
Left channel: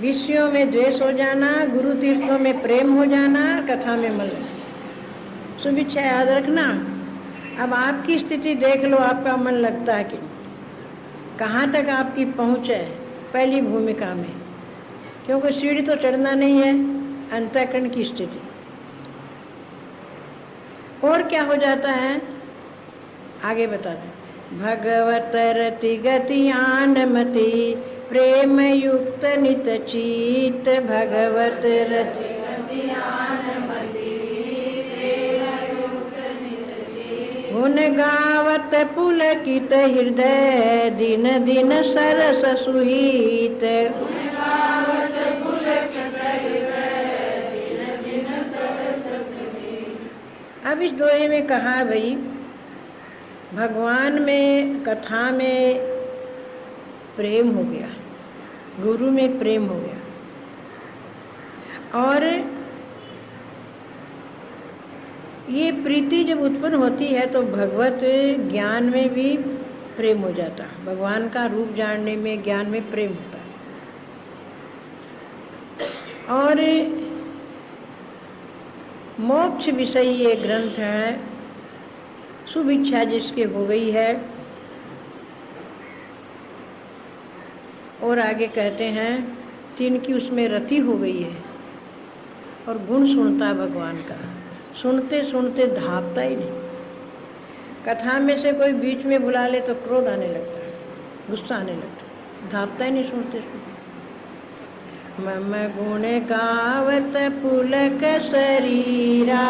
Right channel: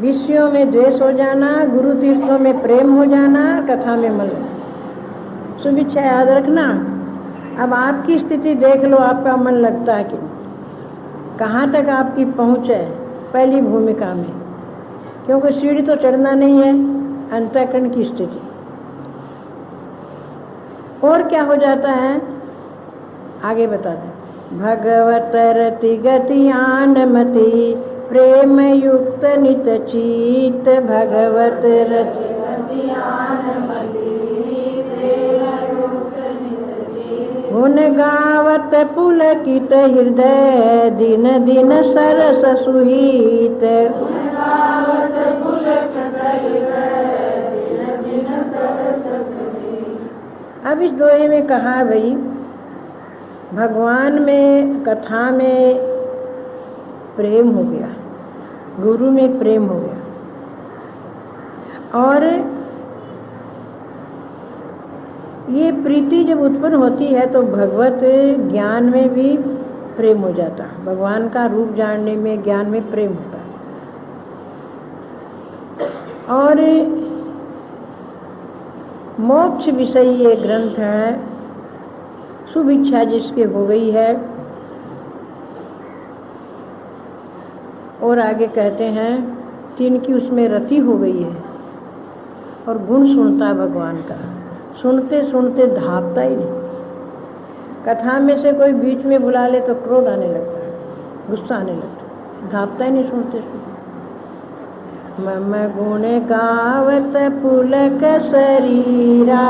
विषयों में द्वेष हो जाना, गुरु तीर्थों में प्रेम हो जाना, कथा में मन लग। शुभ इच्छा याद रखना। अब आपकी स्थिति देख लो, आपका मन लगता है कि कहाँ तक आपकी पहुँच है पहली भूमिका में, क्योंकि सीढ़ी तो चढ़ना नहीं है, अंतःकरण की स्थिति। और क्या हो जाता है आगे बता दें। भगवत रति गतियान मति प्रेम युक्त नित चीत, भगवत रति गतियान मति प्रेम युक्त नित चीत, गुण गावत पुलकित हृदय दिन दिन सरस सुहीत, गुण गावत पुलकित हृदय दिन दिन सरस सुहीत। अब इस दोहे में कहा भाई, भगवान में कथा में प्रेम हो गया, गुरु में प्रेम हो गया, और ये प्रीति जब उत्पन्न होती है तो भगवत ज्ञान में भी प्रेम हो जाता है। भगवान का रूप जानने में, ज्ञान में प्रेम होता है। और मोक्ष विषय ये ग्रंथ है, शुभ इच्छा जिसके हो गई है। और आगे कहते हैं जिनकी उसमें रति हो गई है और गुण सुनता है भगवान का, सुनते सुनते धापता ही नहीं। कथा में से कोई बीच में बुला ले तो क्रोध आने लगता है, गुस्सा आने लगता है, धापता ही नहीं सुनते सुनते। मम गुण गावत पुलक शरीरा,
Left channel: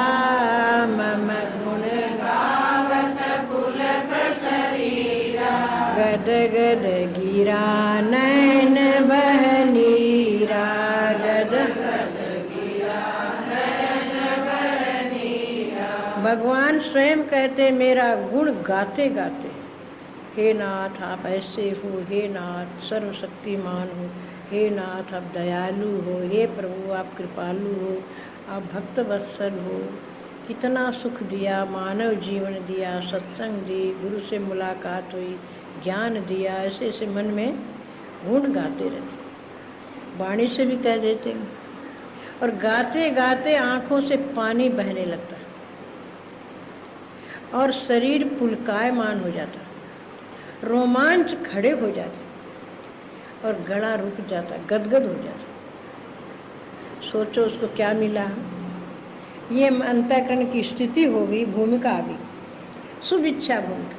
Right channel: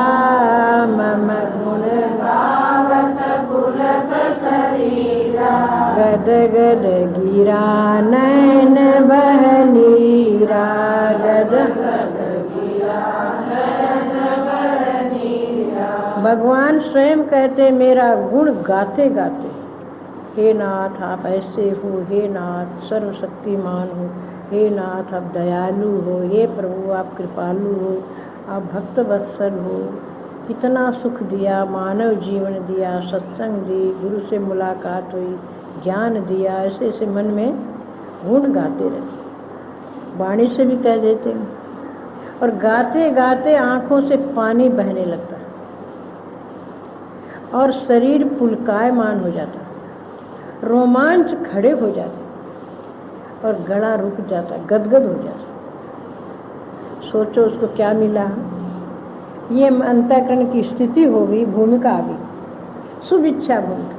मम गुण गावत पुलक शरीरा, गद गद गिरा नैन बहनीरा, गद गद गिरा नैन बहनीरा। भगवान स्वयं कहते मेरा गुण गाते गाते हे नाथ आप ऐसे हो, हे नाथ सर्वशक्तिमान हो, हे नाथ आप दयालु हो, हे प्रभु आप कृपालु हो, आप भक्त वत्सल हो। कितना सुख दिया, मानव जीवन दिया, सत्संग दी, गुरु से मुलाकात हुई, ज्ञान दिया। ऐसे ऐसे मन में गुण गाते रहते, वाणी से भी कह देते हैं, और गाते गाते आँखों से पानी बहने लगता और शरीर पुलकायमान हो जाता, रोमांच खड़े हो जाते और गला रुक जाता, गदगद हो जाता। सोचो उसको क्या मिला। ये अंतःकरण की स्थिति हो गई, भूमिका आ गई, शुभेच्छा भूमिका।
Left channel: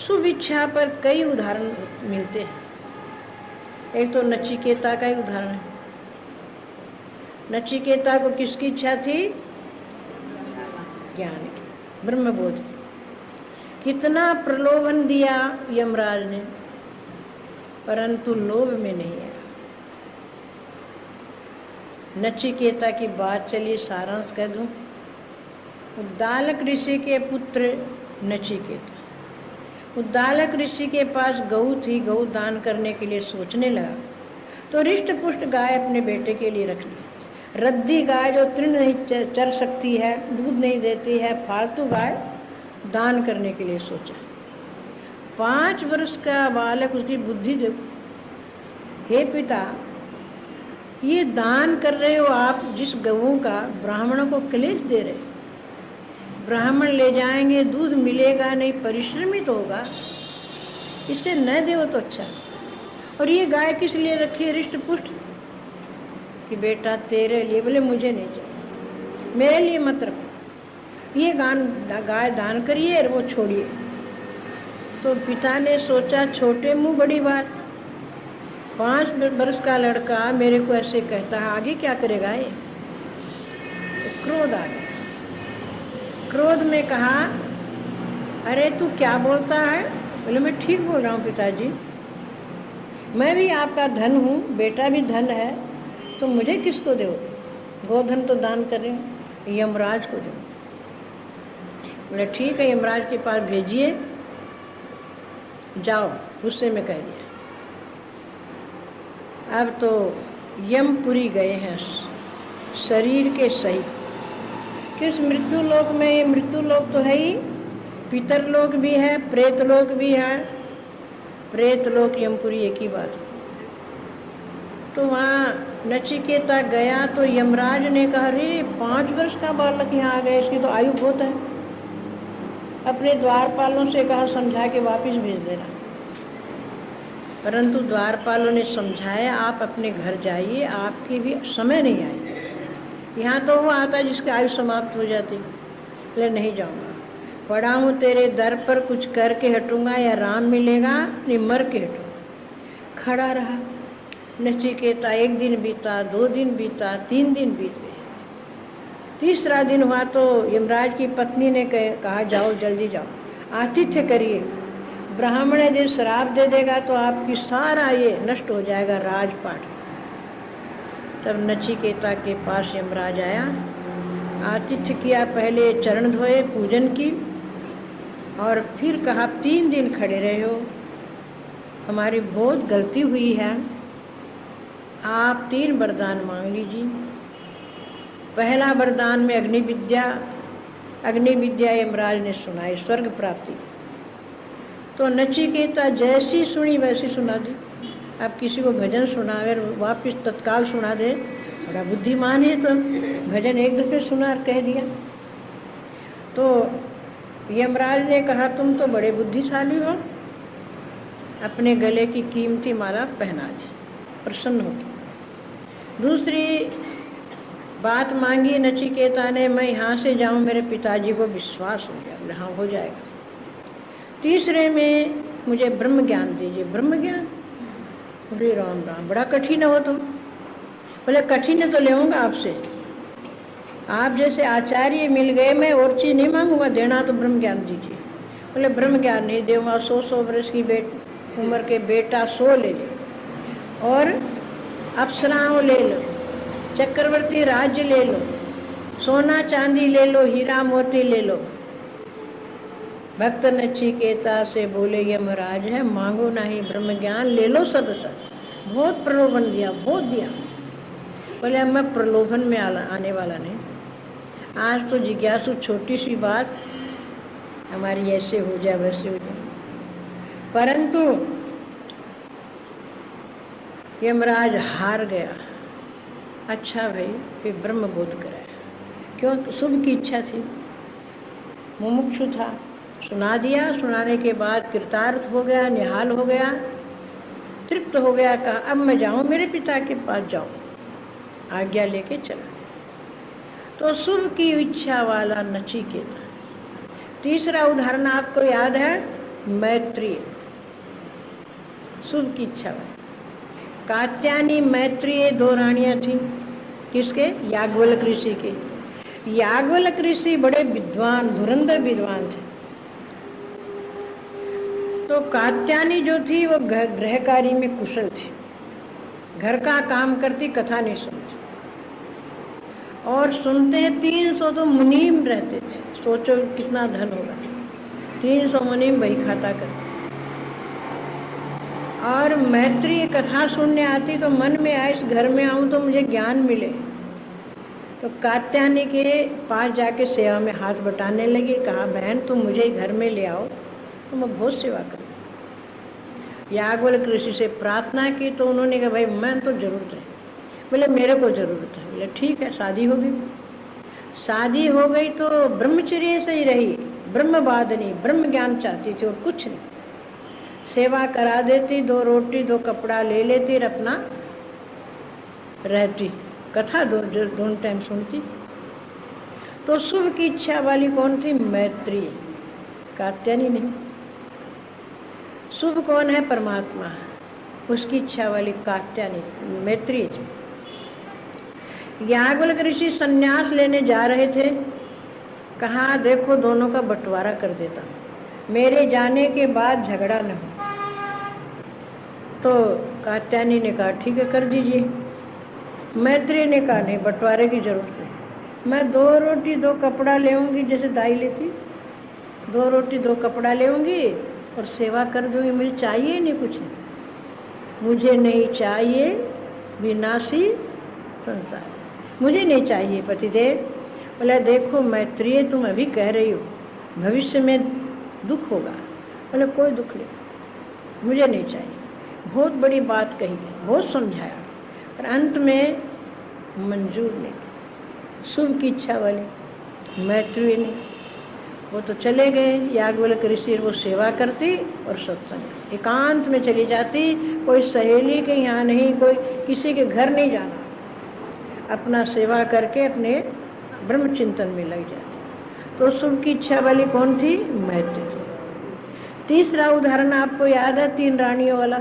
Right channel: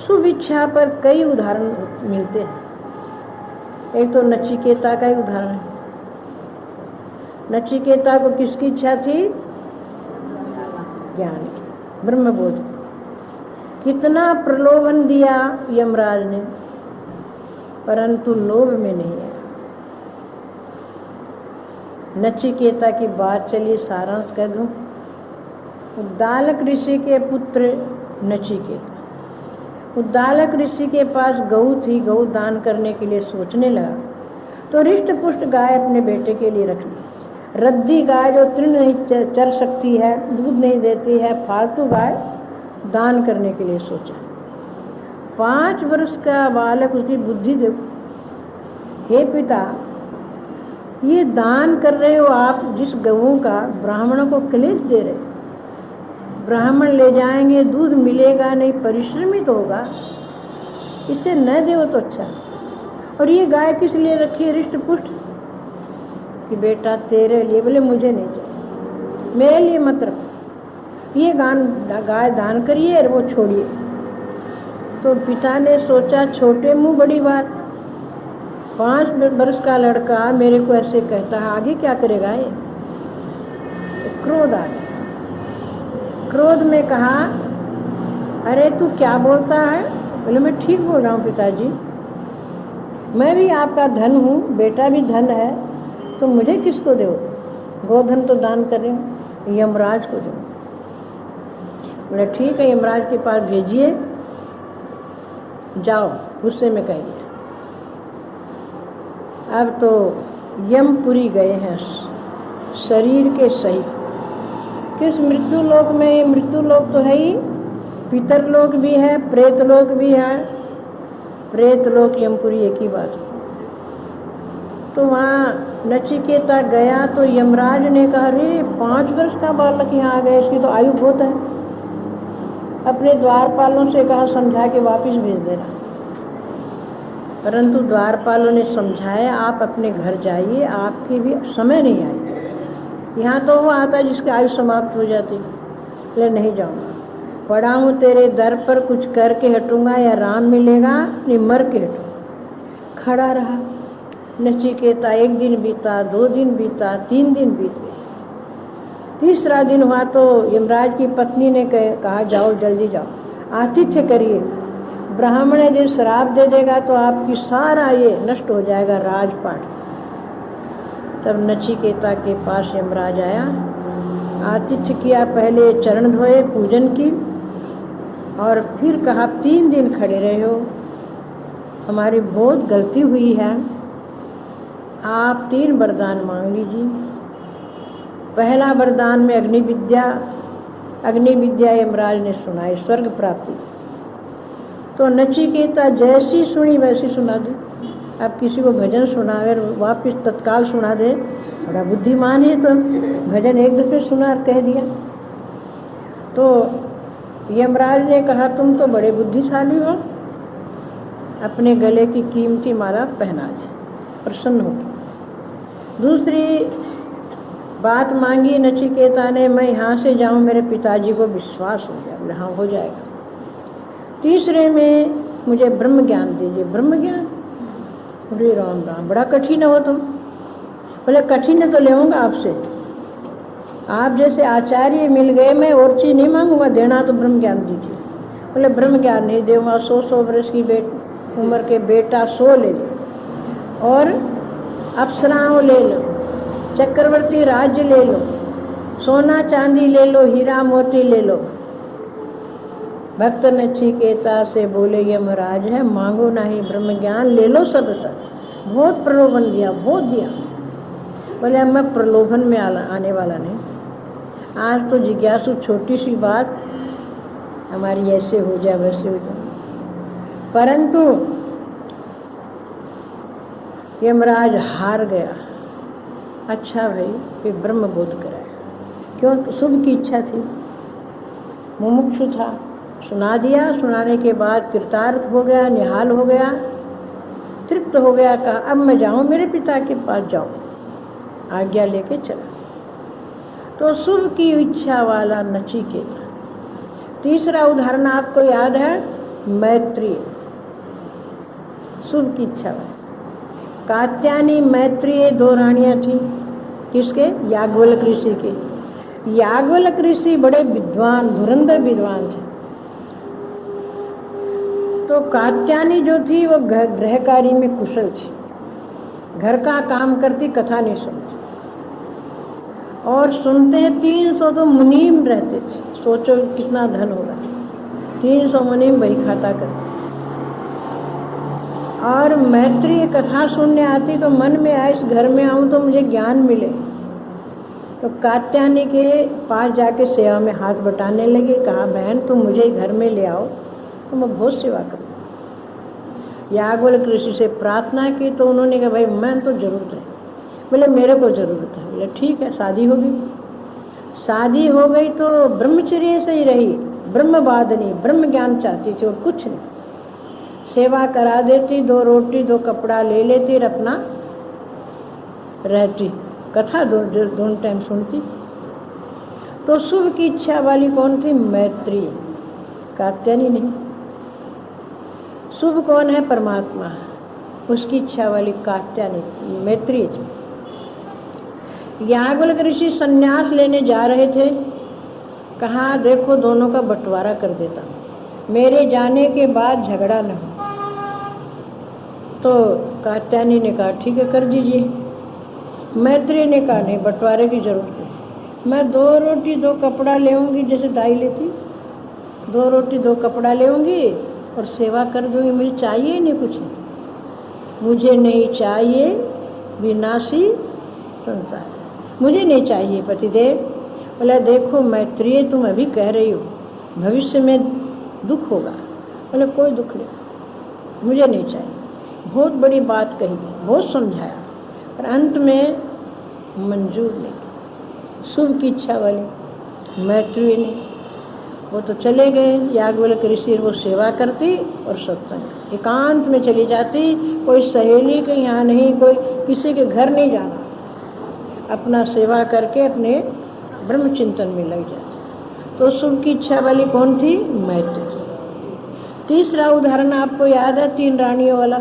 शुभेच्छा पर कई उदाहरण मिलते हैं। एक तो नचिकेता का ही उदाहरण है। नचिकेता को किसकी इच्छा थी? ज्ञान की, ब्रह्मबोध। कितना प्रलोभन दिया यमराज ने, परंतु लोभ में नहीं है। नचिकेता की बात चलिए सारांश कह दूं। उद्दालक ऋषि के पुत्र नचिकेता, उद्दालक ऋषि के पास गऊ थी, गऊ दान करने के लिए सोचने लगा तो रिष्ट पुष्ट गाय अपने बेटे के लिए रख ली। रद्दी गाय जो तृण नहीं चर सकती है, दूध नहीं देती है, फालतू गाय दान करने के लिए सोचा। 5 वर्ष का बालक, उसकी बुद्धि देखो। हे पिता, ये दान कर रहे हो आप जिस गऊ का, ब्राह्मणों को क्लेश दे रहे, ब्राह्मण ले जाएंगे, दूध मिलेगा नहीं, परिश्रमित होगा, इसे न दो तो अच्छा। और ये गाय किस लिए रखी है रिष्ट पुष्ट? कि बेटा तेरे लिए, बोले मुझे नहीं चाहिए, मेरे लिए मत रखो, ये गाय दान करिए और वो छोड़िए। तो पिता ने सोचा छोटे मुंह बड़ी बात, 5 वर्ष का लड़का मेरे को ऐसे कहता है, आगे क्या करेगा ये? तो क्रोध आ गया। क्रोध में कहा, अरे तू क्या बोलता है? बोले मैं ठीक बोल रहा हूँ पिताजी, मैं भी आपका धन हूँ, बेटा भी धन है, तो मुझे किसको दो? गोधन तो दान कर रहे हो, यमराज को दो। बोले ठीक है, यमराज के पास भेजिए, जाओ, गुस्से में कह दिया। अब तो यमपुरी गए हैं शरीर के सहित। किस मृत्यु लोक में? ये मृत्यु लोक तो है ही, पितर लोक भी है, प्रेत लोक भी है। प्रेत लोक यमपुरी एक ही बात। तो वहाँ नचिकेता गया तो यमराज ने कहा, अरे 5 वर्ष का बालक यहाँ आ गया, इसकी तो आयु बहुत है। अपने द्वारपालों से कहा समझा के वापस भेज देना। परंतु द्वारपालों ने समझाया, आप अपने घर जाइए, आपकी भी समय नहीं आई। यहाँ तो वो आता जिसकी आयु समाप्त हो जाती। ले नहीं जाऊँगा, पड़ा हूँ तेरे दर पर, कुछ करके हटूँगा या राम मिलेगा, नहीं मर के हटूँ। खड़ा रहा नचिकेता। 1 दिन बीता, 2 दिन बीता, 3 दिन बीत गए। तीसरा दिन हुआ तो यमराज की पत्नी ने कहा, जाओ जल्दी जाओ, आतिथ्य करिए, ब्राह्मण यदि श्राप दे देगा तो आपकी सारा ये नष्ट हो जाएगा राजपाट। तब नचिकेता के पास यमराज आया, आतिथ्य किया, पहले चरण धोए, पूजन की, और फिर कहा 3 दिन खड़े रहे हो, हमारी बहुत गलती हुई है, आप 3 वरदान मांग लीजिए। पहला वरदान में अग्नि विद्या यमराज ने सुनाई, स्वर्ग प्राप्ति। तो नचिकेता जैसी सुनी वैसी सुना दी। अब किसी को भजन सुनावे वापिस तत्काल सुना दे, बड़ा बुद्धिमान है, तो भजन एक दफे सुना और कह दिया। तो यमराज ने कहा, तुम तो बड़े बुद्धिशाली हो, अपने गले की कीमती माला पहना दी, प्रसन्न होगी। दूसरी बात मांगी नचिकेता ने, मैं यहाँ से जाऊँ, मेरे पिताजी को विश्वास हो गया। बोले हाँ हो जाएगा। तीसरे में मुझे ब्रह्म ज्ञान दीजिए। ब्रह्म ज्ञान? बोले राम राम, बड़ा कठिन हो तुम। बोले कठिन है तो लेऊंगा आपसे, आप जैसे आचार्य मिल गए, मैं और चीज़ नहीं मांगूंगा, देना तो ब्रह्म ज्ञान दीजिए। बोले ब्रह्म ज्ञान नहीं दूंगा, 100 वर्ष की उम्र के बेटा 100 ले लो, और अप्सराओं ले लो, चक्रवर्ती राज्य ले लो, सोना चांदी ले लो, हीरा मोती ले लो, भक्त नचिकेता से बोले यमराज है, मांगो नहीं ब्रह्म ज्ञान, ले लो सब सब। बहुत प्रलोभन दिया, बहुत दिया। बोले अब मैं प्रलोभन में आने वाला नहीं। आज तो जिज्ञासु छोटी सी बात हमारी ऐसे हो जाए वैसे हो जाए, परंतु यमराज हार गया। अच्छा भाई, फिर ब्रह्म बोध कराया। क्यों? शुभ की इच्छा थी, मुमुक्षु था, सुना दिया। सुनाने के बाद कृतार्थ हो गया, निहाल हो गया, तृप्त हो गया। कहा अब मैं जाऊं मेरे पिता के पास, जाऊं, आज्ञा लेके चला। तो शुभ की इच्छा वाला नचिकेता। तीसरा उदाहरण आपको याद है, मैत्रेय, शुभ की इच्छा वाला। कात्यायनी मैत्रेय दो रानियां थी। किसके? याज्ञवल्क्य ऋषि के। याज्ञवल्क्य ऋषि बड़े विद्वान, धुरंधर विद्वान थे। तो कात्यायनी जो थी वो गृह कार्य में कुशल थी, घर का काम करती, कथा नहीं सुनती। और सुनते हैं 300 तो मुनीम रहते थे। सोचो कितना धन होगा, 300 मुनीम वही खाता करते। और मैत्रेय कथा सुनने आती तो मन में आए इस घर में आऊं तो मुझे ज्ञान मिले। तो कात्यायनी के पास जाके सेवा में हाथ बटाने लगे। कहा बहन तुम मुझे घर में ले आओ तो मैं बहुत सेवा करूँ। याज्ञवल्क्य ऋषि से प्रार्थना की तो उन्होंने कहा भाई मैं तो जरूरत है। बोले मेरे को जरूरत है। बोले ठीक है, शादी हो गई। शादी हो गई तो ब्रह्मचर्य से ही रही, ब्रह्मवादिनी, ब्रह्म ज्ञान चाहती थी और कुछ नहीं। सेवा करा देती, 2 रोटी 2 कपड़ा ले लेती और अपना रहती, कथा दोनों टाइम सुनती। तो शुभ की इच्छा वाली कौन थी? मैत्रेय, कात्यायनी नहीं। शुभ कौन है? परमात्मा। उसकी इच्छा वाली कात्यायनी, मैत्रेय थी। याज्ञवल्क्य ऋषि संन्यास लेने जा रहे थे। कहा देखो दोनों का बंटवारा कर देता, मेरे जाने के बाद झगड़ा न हो। तो कात्यायनी ने कहा ठीक है कर दीजिए। मैत्रेय ने कहा नहीं, बंटवारे की जरूरत नहीं, मैं 2 रोटी 2 कपड़ा लेऊंगी, जैसे दाई लेती, 2 रोटी 2 कपड़ा लेऊंगी और सेवा कर दूंगी, मुझे चाहिए नहीं कुछ नहीं। मुझे नहीं चाहिए विनाशी संसार, मुझे नहीं चाहिए पतिदेव। बोला देखो मैत्रेय तुम अभी कह रही हो भविष्य में दुख होगा। बोले कोई दुख नहीं, मुझे नहीं चाहिए। बहुत बड़ी बात कही, बहुत समझाया, पर अंत में मंजूर नहीं। शुभ की इच्छा वाली मैत्रेय ने, वो तो चले गए। याज्ञवल्क्य ऋषि वो सेवा करती और सत्संग एकांत में चली जाती। कोई सहेली के यहाँ नहीं, कोई किसी के घर नहीं जाना, अपना सेवा करके अपने ब्रह्म चिंतन में लग जाती। तो शुभ की इच्छा वाली कौन थी? मैत्रेय। तीसरा उदाहरण आपको याद है 3 रानियों वाला।